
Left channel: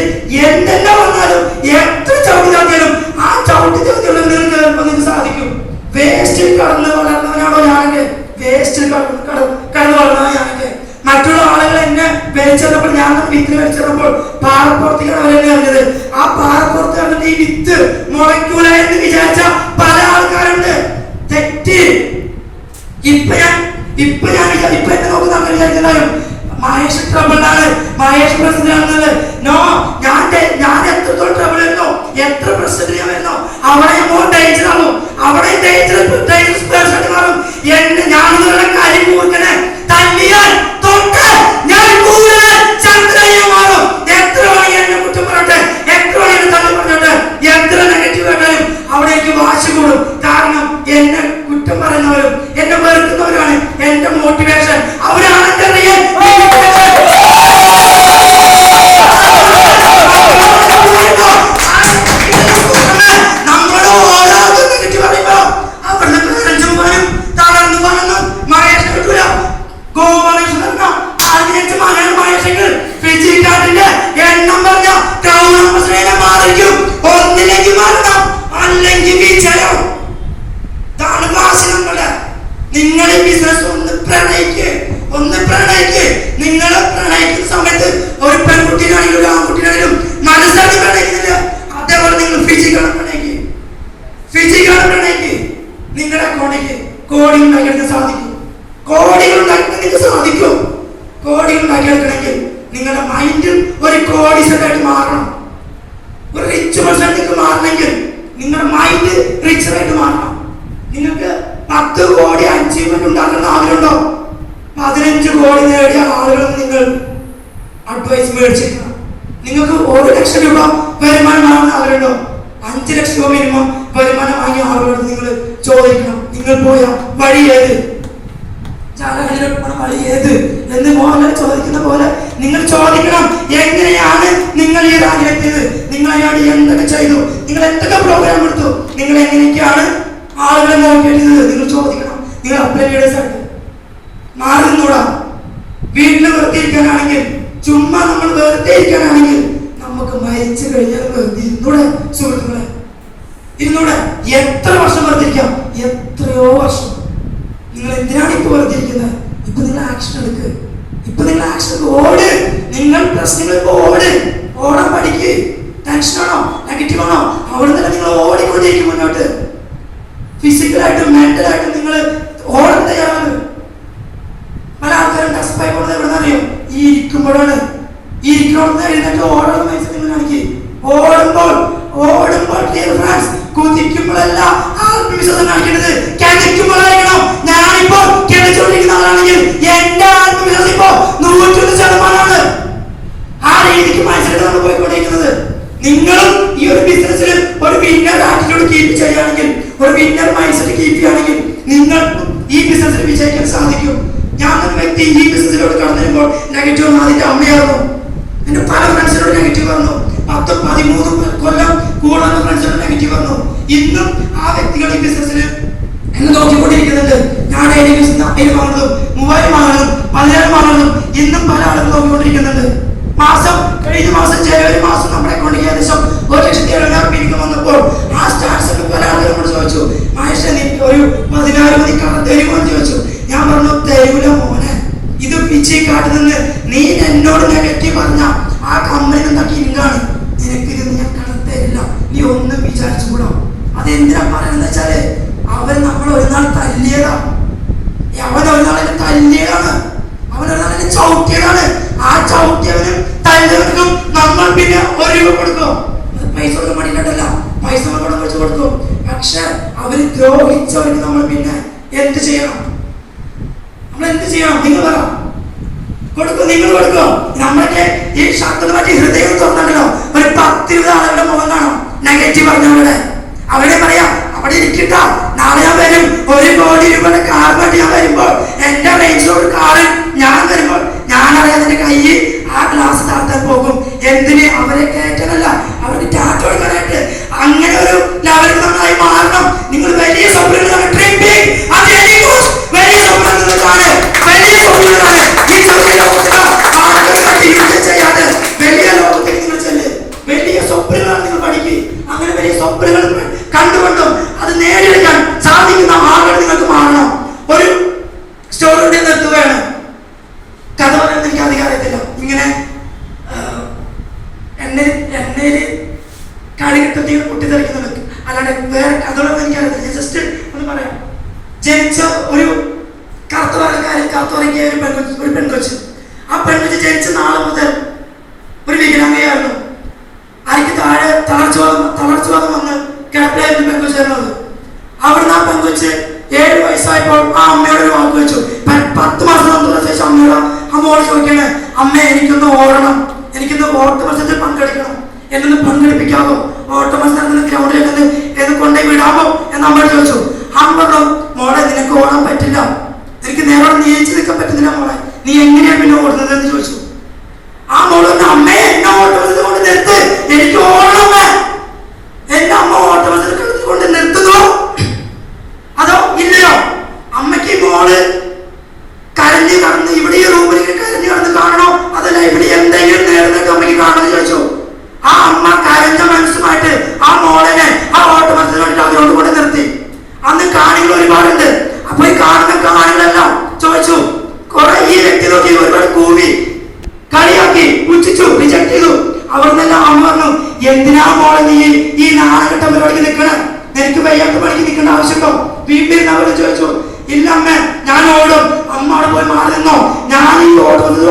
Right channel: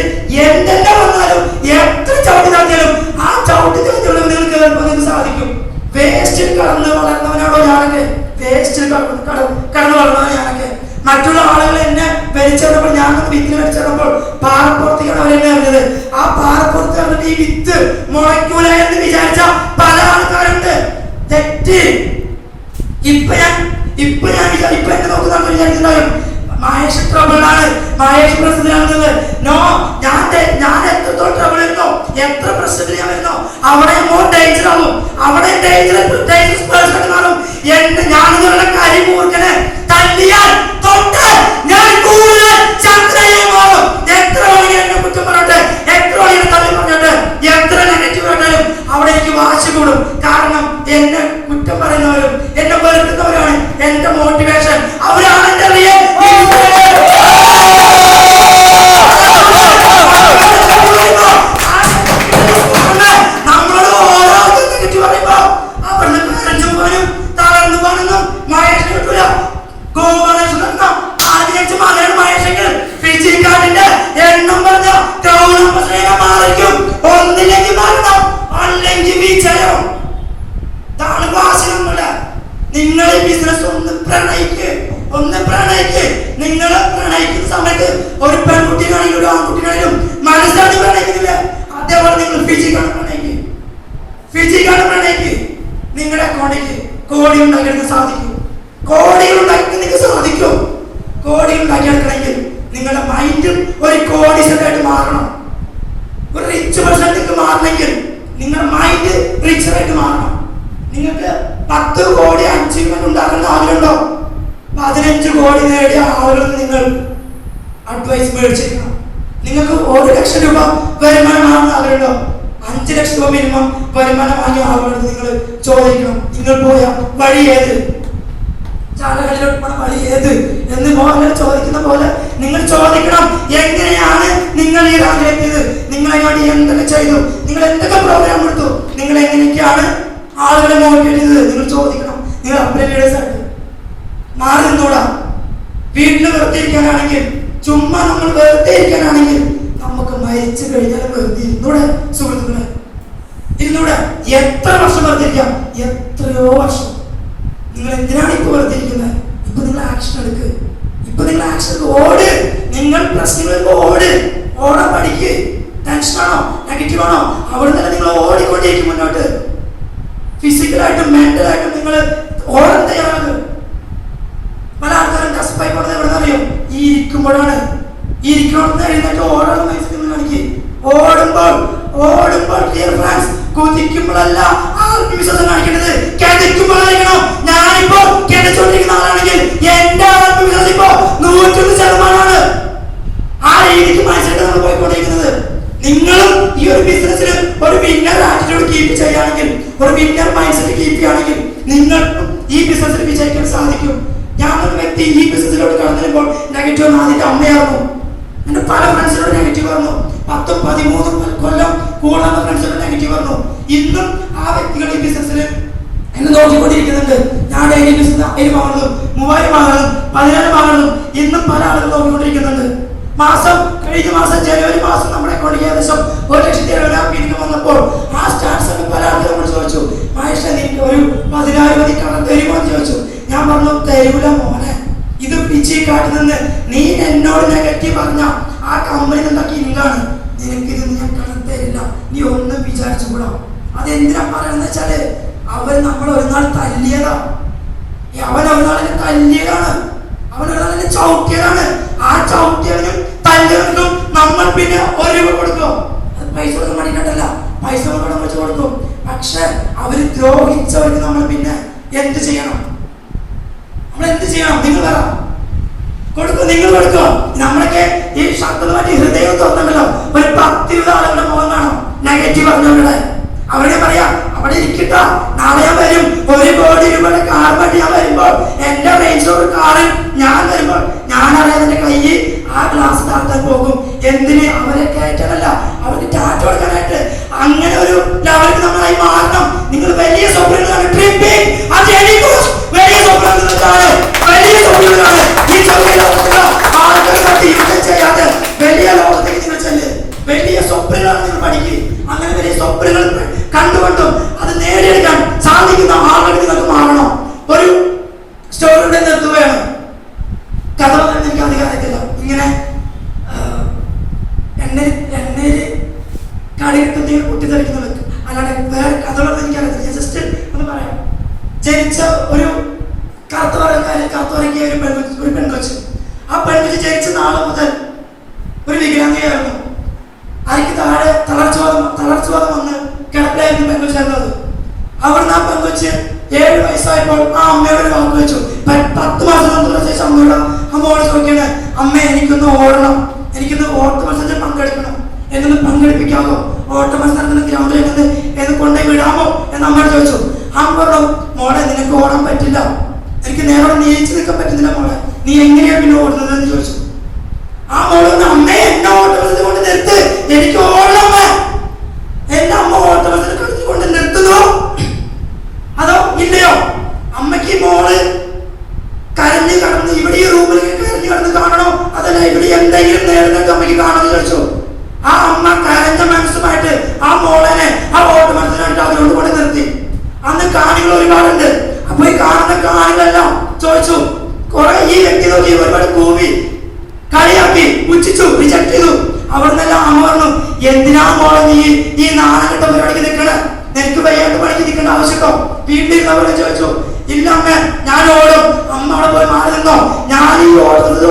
എന്തെല്ലാം വന്നാലും എത്ര ചവിട്ടി ചാത്തിയാലും ആ ചവിട്ടി ചാത്തിയുള്ള നിങ്ങൾക്ക് നിങ്ങൾക്ക് സാധിക്കും. വേസ്റ്റിൽ കടന്ന് വളർന്നവനാണോ ഞാനൊക്കെ? വേസ്റ്റിൽ കടന്ന് വളർന്നവൻ ഞാനൊക്കെ. മറ്റുള്ള ആളുകൾ എന്നെ വലിച്ചെറിഞ്ഞപ്പോൾ, ഞാൻ വിത്ത് വലിച്ചെറിഞ്ഞപ്പോൾ പാറപ്പുറത്തേക്കാണ് അവരെന്നെ അറിഞ്ഞത്. ആ പാറപ്പുറത്ത് കണ്ടിട്ട് ഈ വിത്ത് മുളയ്ക്കൂല എന്ന് വിചാരിച്ച പല ആൾക്കാരുണ്ട്. തെറ്റി. ഇപ്പൊ എന്നെ നോക്കുന്ന ആൾക്കാർ വിചാരിക്കുന്നുണ്ടാവും മഹേഷ് ട്രബിളാണ്, മഹേഷ് പ്രശ്നത്തിലാണെന്നത്. നോ, ഞാൻ എത്രത്തോളം ട്രബിൾ വരുന്നോ, എത്ര പ്രശ്നത്തിൽ ഞാൻ വരുന്നോ അവിടെ മോർ ഡേഞ്ചർ ആവും. അവിടെ ഡേഞ്ചറസ് പേഴ്സൺ ആയിട്ട് മാറും. ഞാനെന്നുള്ള കരിമൂർക്കനെ തല്ലിയാൽ തൊട്ട് ഞാൻ കൂടുതൽ ചന്ദ്രയെ മാറും. എത്ര വേണമെങ്കിൽ എന്നെ കുറ്റം പറയട്ടെ, എത്ര വേണമെങ്കിൽ തള്ളി പറഞ്ഞോട്ടെ, എത്ര നെഗറ്റീവ് ആയിട്ടാലും അവിടെ എനിക്ക് വാശി കൂടും. കാരണം എന്നെ കുറ്റം പറയുന്നവരും എന്നെ വെറുക്കുന്നവരാണ് എന്റെ മോട്ടിവേഷൻ. അവരാണ് എന്റെ റിയൽ മോട്ടിവേഷൻ. മൈൻഡും ഒരു കോടീശ്വരമായിട്ട് മാറണം. ഒരു റിച്ച് പേഴ്സൺ നിങ്ങൾക്ക് മാറണമെങ്കിൽ നിങ്ങളുടെ മൈൻഡ് റിച്ചറായിട്ട് മാറണം. നിങ്ങൾക്ക് 10 കോടി അച്ചീവ്മെന്റ് ഉണ്ടാക്കുന്ന ആളുകളുണ്ടോ? 15 കോടി നേടിയ ആളുകൾ നിങ്ങൾ അഡ്വൈസ് മേടിച്ചിരിക്കണം. നിങ്ങൾക്ക് 1 ലക്ഷം രൂപ വരുമാനം വാങ്ങുന്ന ആളുകളുണ്ടോ? 5 ലക്ഷം രൂപ മിനിമം വരുമാനം വാങ്ങിയ ആളുകളോട് നിങ്ങൾ ചോദിക്കണം, നിങ്ങൾ പോയ വഴി ഏത്, ചാലകളിലോട്ട് പോണ വഴി ഏത് എന്ന് മോഹൻലാൽ ചോദിക്കുന്ന പോലെ നിങ്ങൾ ചോദിക്കണം. എങ്ങനെയാണ് നിങ്ങൾ ഈ റാങ്കിലെത്തിയത്? നിങ്ങൾ അതിനോട് എന്തൊക്കെ ചെയ്തു? നിങ്ങൾ എന്തൊക്കെ പ്രോഗ്രാം എടുത്തു? നിങ്ങൾ എങ്ങനെയൊക്കെയാണ് ആളുകളെ മോട്ടിവേറ്റ് ചെയ്തത്? നിങ്ങൾ ചോദിക്കണം. നിങ്ങൾ അപ്ലൈ ലീഡേഴ്സ് ആയിട്ട് മാറി നിന്നൂടാ. വീട്ടിൽ വെറുതെ ഇരിക്കാനാണെങ്കിൽ, ചുമ്മാ നമ്മൾ വെറുതെ ഇരിക്കാനാണെങ്കിൽ നമുക്ക് മരിച്ചു കഴിഞ്ഞാൽ വെറുതെ ഇരുന്നൂടെ സുഹൃത്തുക്കളെ, ഇരുന്നൂടെ. എത്ര വർഷം വെറുതിരിക്കാം? എത്രയോ വർഷം. നിങ്ങൾ എന്തിനാണ് ഇപ്പൊ വെറുതെ ഇരിക്കുന്നത്? ഇപ്പൊ നിങ്ങൾ ആക്ഷൻ എടുക്ക്. ഇപ്പൊ നിങ്ങൾ ആക്ഷൻ ഓട്. നിങ്ങൾ പ്രശ്നങ്ങൾക്ക് ഓടാൻ പഠിക്ക്. ടെൻഷനാണോ, നെഗറ്റീവ് ആണോ, അവിടെ നിന്ന് നിങ്ങൾ ഓടിക്കൊണ്ടിരിക്കും മുന്നോട്ട്. ഫിസിക്കലായിട്ടും മെന്റലായിട്ടും നിങ്ങൾ ഓടാൻ തയ്യാറാണ്. പല ആൾക്കാരും ഡെസ്പായി പോകുന്നത് എവിടെ അറിയും? ഈ ഇരിക്കുമ്പോഴാണ്. ഈ ഇരിക്കണമെന്ന് എഴുന്നേറ്റ് ഓടാൻ മനസ്സിൽ കാണിക്ക്. ഓടുമ്പോൾ ഡിയർ ഫ്രണ്ട്സ്, കുതിക്കുമ്പോഴല്ല ആത്മവിശ്വാസം കാണിക്കേണ്ടത്, കിണക്കുമ്പോഴായിരിക്കണം. ഞാനിപ്പോ കിണച്ചുകൊണ്ടിരിക്കുന്ന ആളാണെങ്കിൽ എന്റെ ആത്മവിശ്വാസം ഇപ്പോ 101%. ആ രീതിക്ക് മനസ്സിലായിട്ട് നമ്മൾ പോയിക്കൊണ്ടിരിക്കുന്നത്. നിങ്ങളും ഈ ഒരു ബിസിനസ്സിൽ ഒരു വിന്നർ ആറ്റിറ്റ്യൂഡ് കീപ്പ് ചെയ്യുകയാണെങ്കിൽ, ഒരു വിന്നർ മൈൻഡ് സെറ്റ് കീപ്പ് ചെയ്യുകയാണെങ്കിൽ നിങ്ങൾ ഈ ബിസിനസ്സിൽ വിജയിക്കാൻ സാധിക്കും. ഞാൻ ഒരു വ്യക്തി ഈ ബിസിനസ്സിലോട്ട് കടന്നു വരുമ്പോൾ നെഗറ്റീവ് ആദ്യത്തെ അമ്മയായിരുന്നു. എന്റെ പല ഫ്രണ്ട്സിനോട് നെഗറ്റീവ് വന്നു. 10-13 കൊല്ലം കൂടുതൽ ഫ്രണ്ട്സിനോട് നെഗറ്റീവ് വന്നു. ഇന്നും ആ വ്യക്തികൾ ഈ ബിസിനസ്സിൽ എന്നെ നോക്കിക്കൊണ്ടിരിക്കുന്നുണ്ട്. ഞാൻ ഡെയിലി ബിസിനസ് 1000 വാങ്ങുന്നതും 3000 വാങ്ങുന്നതും 10,000 വാങ്ങുന്നതും ഇന്നും പല ആളുകൾ നോക്കിക്കൊണ്ടിരിക്കുന്നുണ്ട്. കഴിഞ്ഞ മാസം ജനുവരി മാസം നമ്മുടെ അക്കൗണ്ടിൽ ഏകദേശം 1,70,000 ഇൻകം വന്നപ്പോൾ ആ സ്റ്റാർട്ട്സ് പല ആളുകൾ നമ്മൾ ചോദിച്ചു, മഹേഷ് ഒരു 10,000 മതി കടം തരുമോ എന്ന് ചോദിച്ചു. ഞാൻ പറഞ്ഞു, തരൂല മോനെ. ഇത് പിച്ചിക്കാട്ടിൽ നിന്ന് നീ എന്നോട് നെഗറ്റീവ് പറഞ്ഞ ആ കമ്പനി ഉണ്ടാക്കിയ ഇൻകാണ്. നിനക്കിത് ഞാൻ കടം തരില്ല, നീ ഒന്നും വിചാരിച്ചുകൂടാ. അതെന്തിനാ പറയുന്നത് വെച്ചാല് അവൻ നമ്മൾ ഒരു നാൾ തല്ലിയതാണ്. അവൻ ഒരു നാൾ എന്നെ തല്ലിയതാണ്. അവൻ ഒരു നാൾ എന്നെ ചവിട്ടിയതാണ്. ആ ചവിട്ടിയവന് തല്ലിയവനും നമ്മൾ പിന്നെ 1 രൂപ കൊടുക്കും. അത് പൈസ കൊടുക്കാൻ വേണ്ടിയിട്ടല്ല, പൈസ നമ്മൾ വെച്ച് കൊടുക്കും. പക്ഷെ അവര് ദ്രോഹിച്ചവർക്ക് നമ്മൾ പിന്നെ എന്ത് ചെയ്യണം? നമ്മൾ എന്ത് ചെയ്യണം? നിങ്ങൾ പറ. കൊടുക്കും, നിങ്ങൾ കൊടുക്കും. നമ്മളൊക്കെ ഈ ശക്തമായിട്ട് ഹൃദയം തുറന്നുണ്ടല്ലോ, ഒരു 10-20 ആളുകളുടെ മുഖം കാണും നെഗറ്റീവ് പറഞ്ഞവരുടെ. അവരെ പറയാം, അവിടെ ഇരിക്കട്ടാ, നാളെ ഞാൻ വരും, 1 കോടി രൂപയുടെ കാർ പറ്റി ഞാൻ വരുമ്പോൾ, എന്റെ റേഞ്ച് ഒരു കാറിൽ ഞാൻ വരുമ്പോൾ ഞാനറിയാതെ എന്റെ കയ്യിൽ ആ ഗ്ലാസ് താഴ്ത്താൻ പോകും. എന്തിന്? അവരെ കയറ്റാനല്ല, അവർക്ക് ടാറ്റ കൊടുക്കാനായിട്ട്. അങ്ങനെ ഒരു ലെവലിൽ നമ്മളായി മാറണം. നിങ്ങൾ വലിയ സ്വപ്നങ്ങളാണ്, വലിയ സ്വപ്നങ്ങളാണ്, വലിയ സ്വപ്നങ്ങളാണ്. ഈ ചെറിയ ലോകത്തിലോ ആളുകളെ യുദ്ധം ചെയ്യാതെ വലിയ ലോകത്തേക്ക് നിങ്ങൾ ചെല്ല്. വലിയ സ്വപ്നങ്ങളാണ് നിങ്ങൾ പഠിക്കുക. അങ്ങനെ വലിയ സ്വപ്നങ്ങൾ കണ്ടുകൊണ്ടും അത് നേടിയെടുക്കാൻ സാധിക്കുന്ന ആളുകൾ നിങ്ങൾക്ക് മാറണം. ഒരു സ്റ്റോറിയുടെ നിർത്തുകയാണ്. കഥ പറയാൻ എനിക്ക് അധികാരത്തില്ല. ഇങ്ങനെ എണ്ണയില് കളിക്കുട്ടികൾ പൊട്ടിത്തെറിക്കുന്നത്, അല്ലാതെ വേറെ കഥകളൊന്നും എനിക്കറിയത്തില്ല. ജസ്റ്റ് ഒന്ന് പറയാം. ജനിച്ച ഒരു കറുത്തുറങ്ങിയ ഒരു പെൺകൊച്ച്. ആ പെൺകൊച്ച് ജനിച്ച നാളെ മുതൽ ഒരു വികലാംഗയായിരുന്നു. അതിക്ക് താഴെ തളർച്ചവാദം വന്ന് കിടപ്പിലായിരുന്നു പെൺകൊച്ചായിരുന്നു. അവിടുന്ന് ആ പെൺകൊച്ച് 7 വയസ്സായപ്പോൾ ആ അമ്മയോട് ഒരു വാക്ക് വെച്ചു. 10 മാസം വന്നതിന് ശേഷം അമ്മയോട് ചോദിക്കണേ, അമ്മ എനിക്കൊന്ന് ഓടണം, എനിക്കൊന്ന് ഓട്ട മത്സരത്തിൽ പങ്കെടുക്കണം, എന്നൊന്ന് പങ്കെടുപ്പിക്കാമോ? ഓട്ട മത്സരത്തിന് ഗ്രൗണ്ടിൽ എന്ന് കൊണ്ടുപോയി വിടാമോ എന്ന് അമ്മയോട് ചോദിച്ചു. അമ്മ പറഞ്ഞു, മോളെ നിനക്ക് ഓടാൻ പറ്റില്ല, എനിക്ക് നേരെ നീച്ചു നിൽക്കാൻ പറ്റുന്നില്ല മോളെ, നീ എങ്ങനെയാ പിന്നെ ഓടുന്നത് എന്ന് ചോദിച്ചു. ആ മോള് അമ്മയെ എന്നെ ഓട്ട മത്സരത്തിൽ കൊണ്ട് നിർത്ത്, എനിക്ക് ഓടണം. എന്റെ അമ്മ ഓട്ട മത്സരത്തിൽ കൊണ്ട് നിർത്തുന്നു അതോ ഇല്ലയോ? അമ്മയ്ക്ക് മോള് കരഞ്ഞു കടന്ന് ഇവിടെ ഈ റൂമിൽ കരഞ്ഞു കടന്ന് കാണണോ, അതല്ല ഇവിടെ എന്തെങ്കിലും നേടുന്നത് അമ്മയ്ക്ക് കാണുമെന്ന് ചോദിച്ചു. ആ അമ്മ കരഞ്ഞ മനസ്സുമായിട്ട് ആ മോളനെ ആ ഓട്ട മത്സരം അതിനോട് കൊണ്ട് നിർത്തി. അന്ന് കാണികൾ ഒരുപാടുണ്ട്. അപ്പൊ ഈ കാണുന്ന കാണികളെല്ലാം ചോദിച്ചു, കുറെ ഈ വ്യക്തി നോക്കി ഒരുപാട് കൂവി കളിയാക്കി പുച്ഛിച്ചു, റിജക്ട് ചെയ്തു. അവിടുന്നെല്ലാം അമ്മ പറഞ്ഞു, എന്തിനാ മോളെ നീ ഈ നാളെഘട്ട പരിപാടിക്ക് നിൽക്കണേ? എനിക്ക് വയ്യാത്ത പണിക്ക് നിൽക്കേണ്ട ആവശ്യമുണ്ടോ? വീട്ടിലിരുന്നവരെ ചോദിച്ചു. ഇല്ല അമ്മ, ഞാൻ ഓടും. അമ്മ അവിടെ പോയി മാറി നിന്നോ, ഞാൻ ഈ ഓടുന്നത്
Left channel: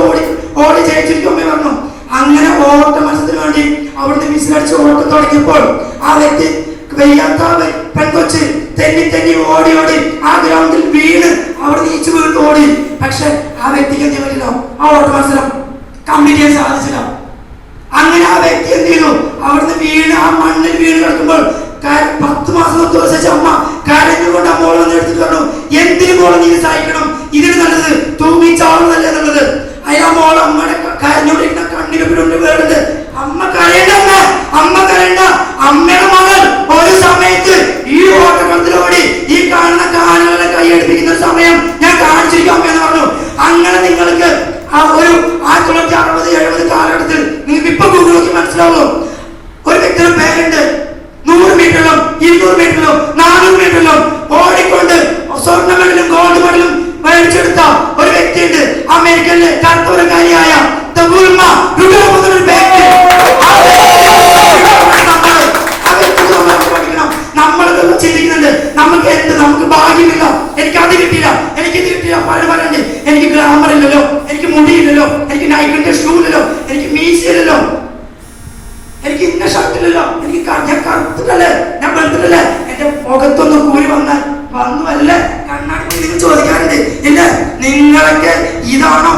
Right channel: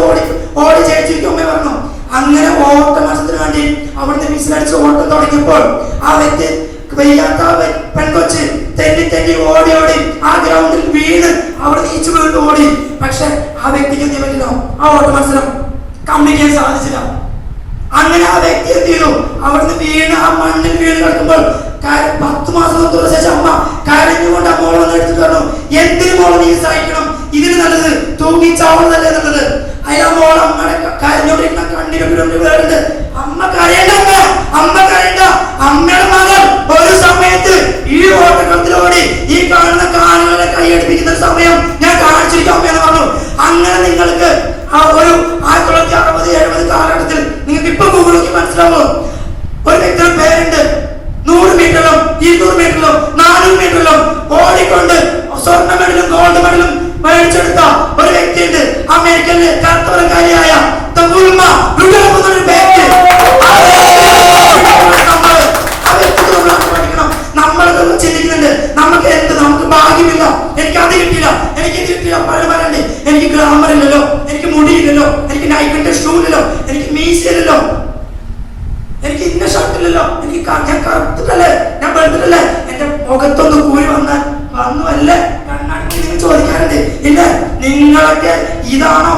ഓടി ജയിച്ചിരിക്കും അമ്മ പറഞ്ഞു. ഇറങ്ങിയപ്പോൾ ആ വ്യക്തി വയ്യാത്ത പെൺകൊച്ച് തെന്നി ഓടി ആ ഗ്രൗണ്ടിൽ വീണ് അവിടെ നീച്ചു വീണ് ഓടി. പക്ഷെ ആ വ്യക്തിക്ക് എന്ത് പറ്റില്ല, ആ ഓട്ട മത്സരം കംപ്ലീറ്റ് ചെയ്യാൻ സാധിച്ചില്ല. അങ്ങനെ ആ വ്യക്തി എന്ത് ചെയ്തു, അവിടുന്ന് വീണ് ആ മണ്ണിൽ വീണ് കിടക്കുമ്പോൾ 10 മാസം തുറച്ച അമ്മ കരഞ്ഞുകൊണ്ട് ആ മോളെ വന്ന് എടുത്തിട്ട് പറഞ്ഞു, എന്തിനു മോളെ നീ സഹിക്കണം, ഇതിന് നല്ലത് തൂങ്ങിച്ചാവുന്നതല്ലേ നല്ലത്. അതിനാ മോൾ അമ്മയുടെ കരഞ്ഞോണ്ടിരുന്ന കണ്ണിന് വേറുണ്ട്. അമ്മ കരയണ്ട, അമ്മ കരയണ്ട. അമ്മയുടെ മകൾ ഒരു സമയത്ത് ഈ ഓട്ടക്കളത്തിലോടി ഈ കാണുന്ന കാലുകളെ കൈയടിപ്പിക്കുന്ന സമയം ഞാൻ കാണിച്ചിരിക്കാം എന്ന് പറഞ്ഞു. അങ്ങനെ നിങ്ങൾക്ക് ആ ഒരു 1960-70 കാലഘട്ടത്തിൽ നിങ്ങൾക്ക് ഇപ്പൊ ഗൂഗിൾ നോക്കി മനസ്സിലാവും. ഒരു വ്യക്തിയുടെ പേരുണ്ട്, 100 മീറ്ററിലും 200 മീറ്ററിലും 400 മീറ്ററിലും ഓടിക്കൊണ്ട് സ്വർണ്ണ മെഡലും ഗോൾഡ് മെഡലും മേടിച്ചെടുത്ത ഒരു വ്യക്തിയുണ്ട്. അമേരിക്കയിലെ കർത്തവരക്കാരിയായ നമ്മളൊക്കെ ചിന്തിക്കുന്നുണ്ട്, നമുക്ക് എന്ത്, നമുക്ക് ഭാഗ്യമില്ല, എനിക്ക് അത് കിട്ടില്ല, എനിക്ക് ഇത് കിട്ടില്ല, പലണ്ട്, എനിക്ക് ഗ്ലാമർ ഇല്ലല്ലോ, എനിക്ക് മുടിയില്ലല്ലോ, എനിക്ക് നൈക്കിന്റെ ഷൂ ഇല്ലല്ലോ, എനിക്ക് മീശയില്ലല്ലോ, എനിക്ക് ഇന്ന ഷർട്ടില്ലല്ലോ, എനിക്ക് ഞാൻ കറുത്തിട്ടല്ലേ, ഞാൻ വെളുത്തിട്ടല്ലേ, എന്റെ മുഖത്തൊന്ന് കൂടി വന്നുവല്ലേ കണ്ണാടി നിങ്ങൾ ചോദിക്കാറുണ്ട്. ഇല്ല, നിങ്ങളൊക്കെ ഇതാണോ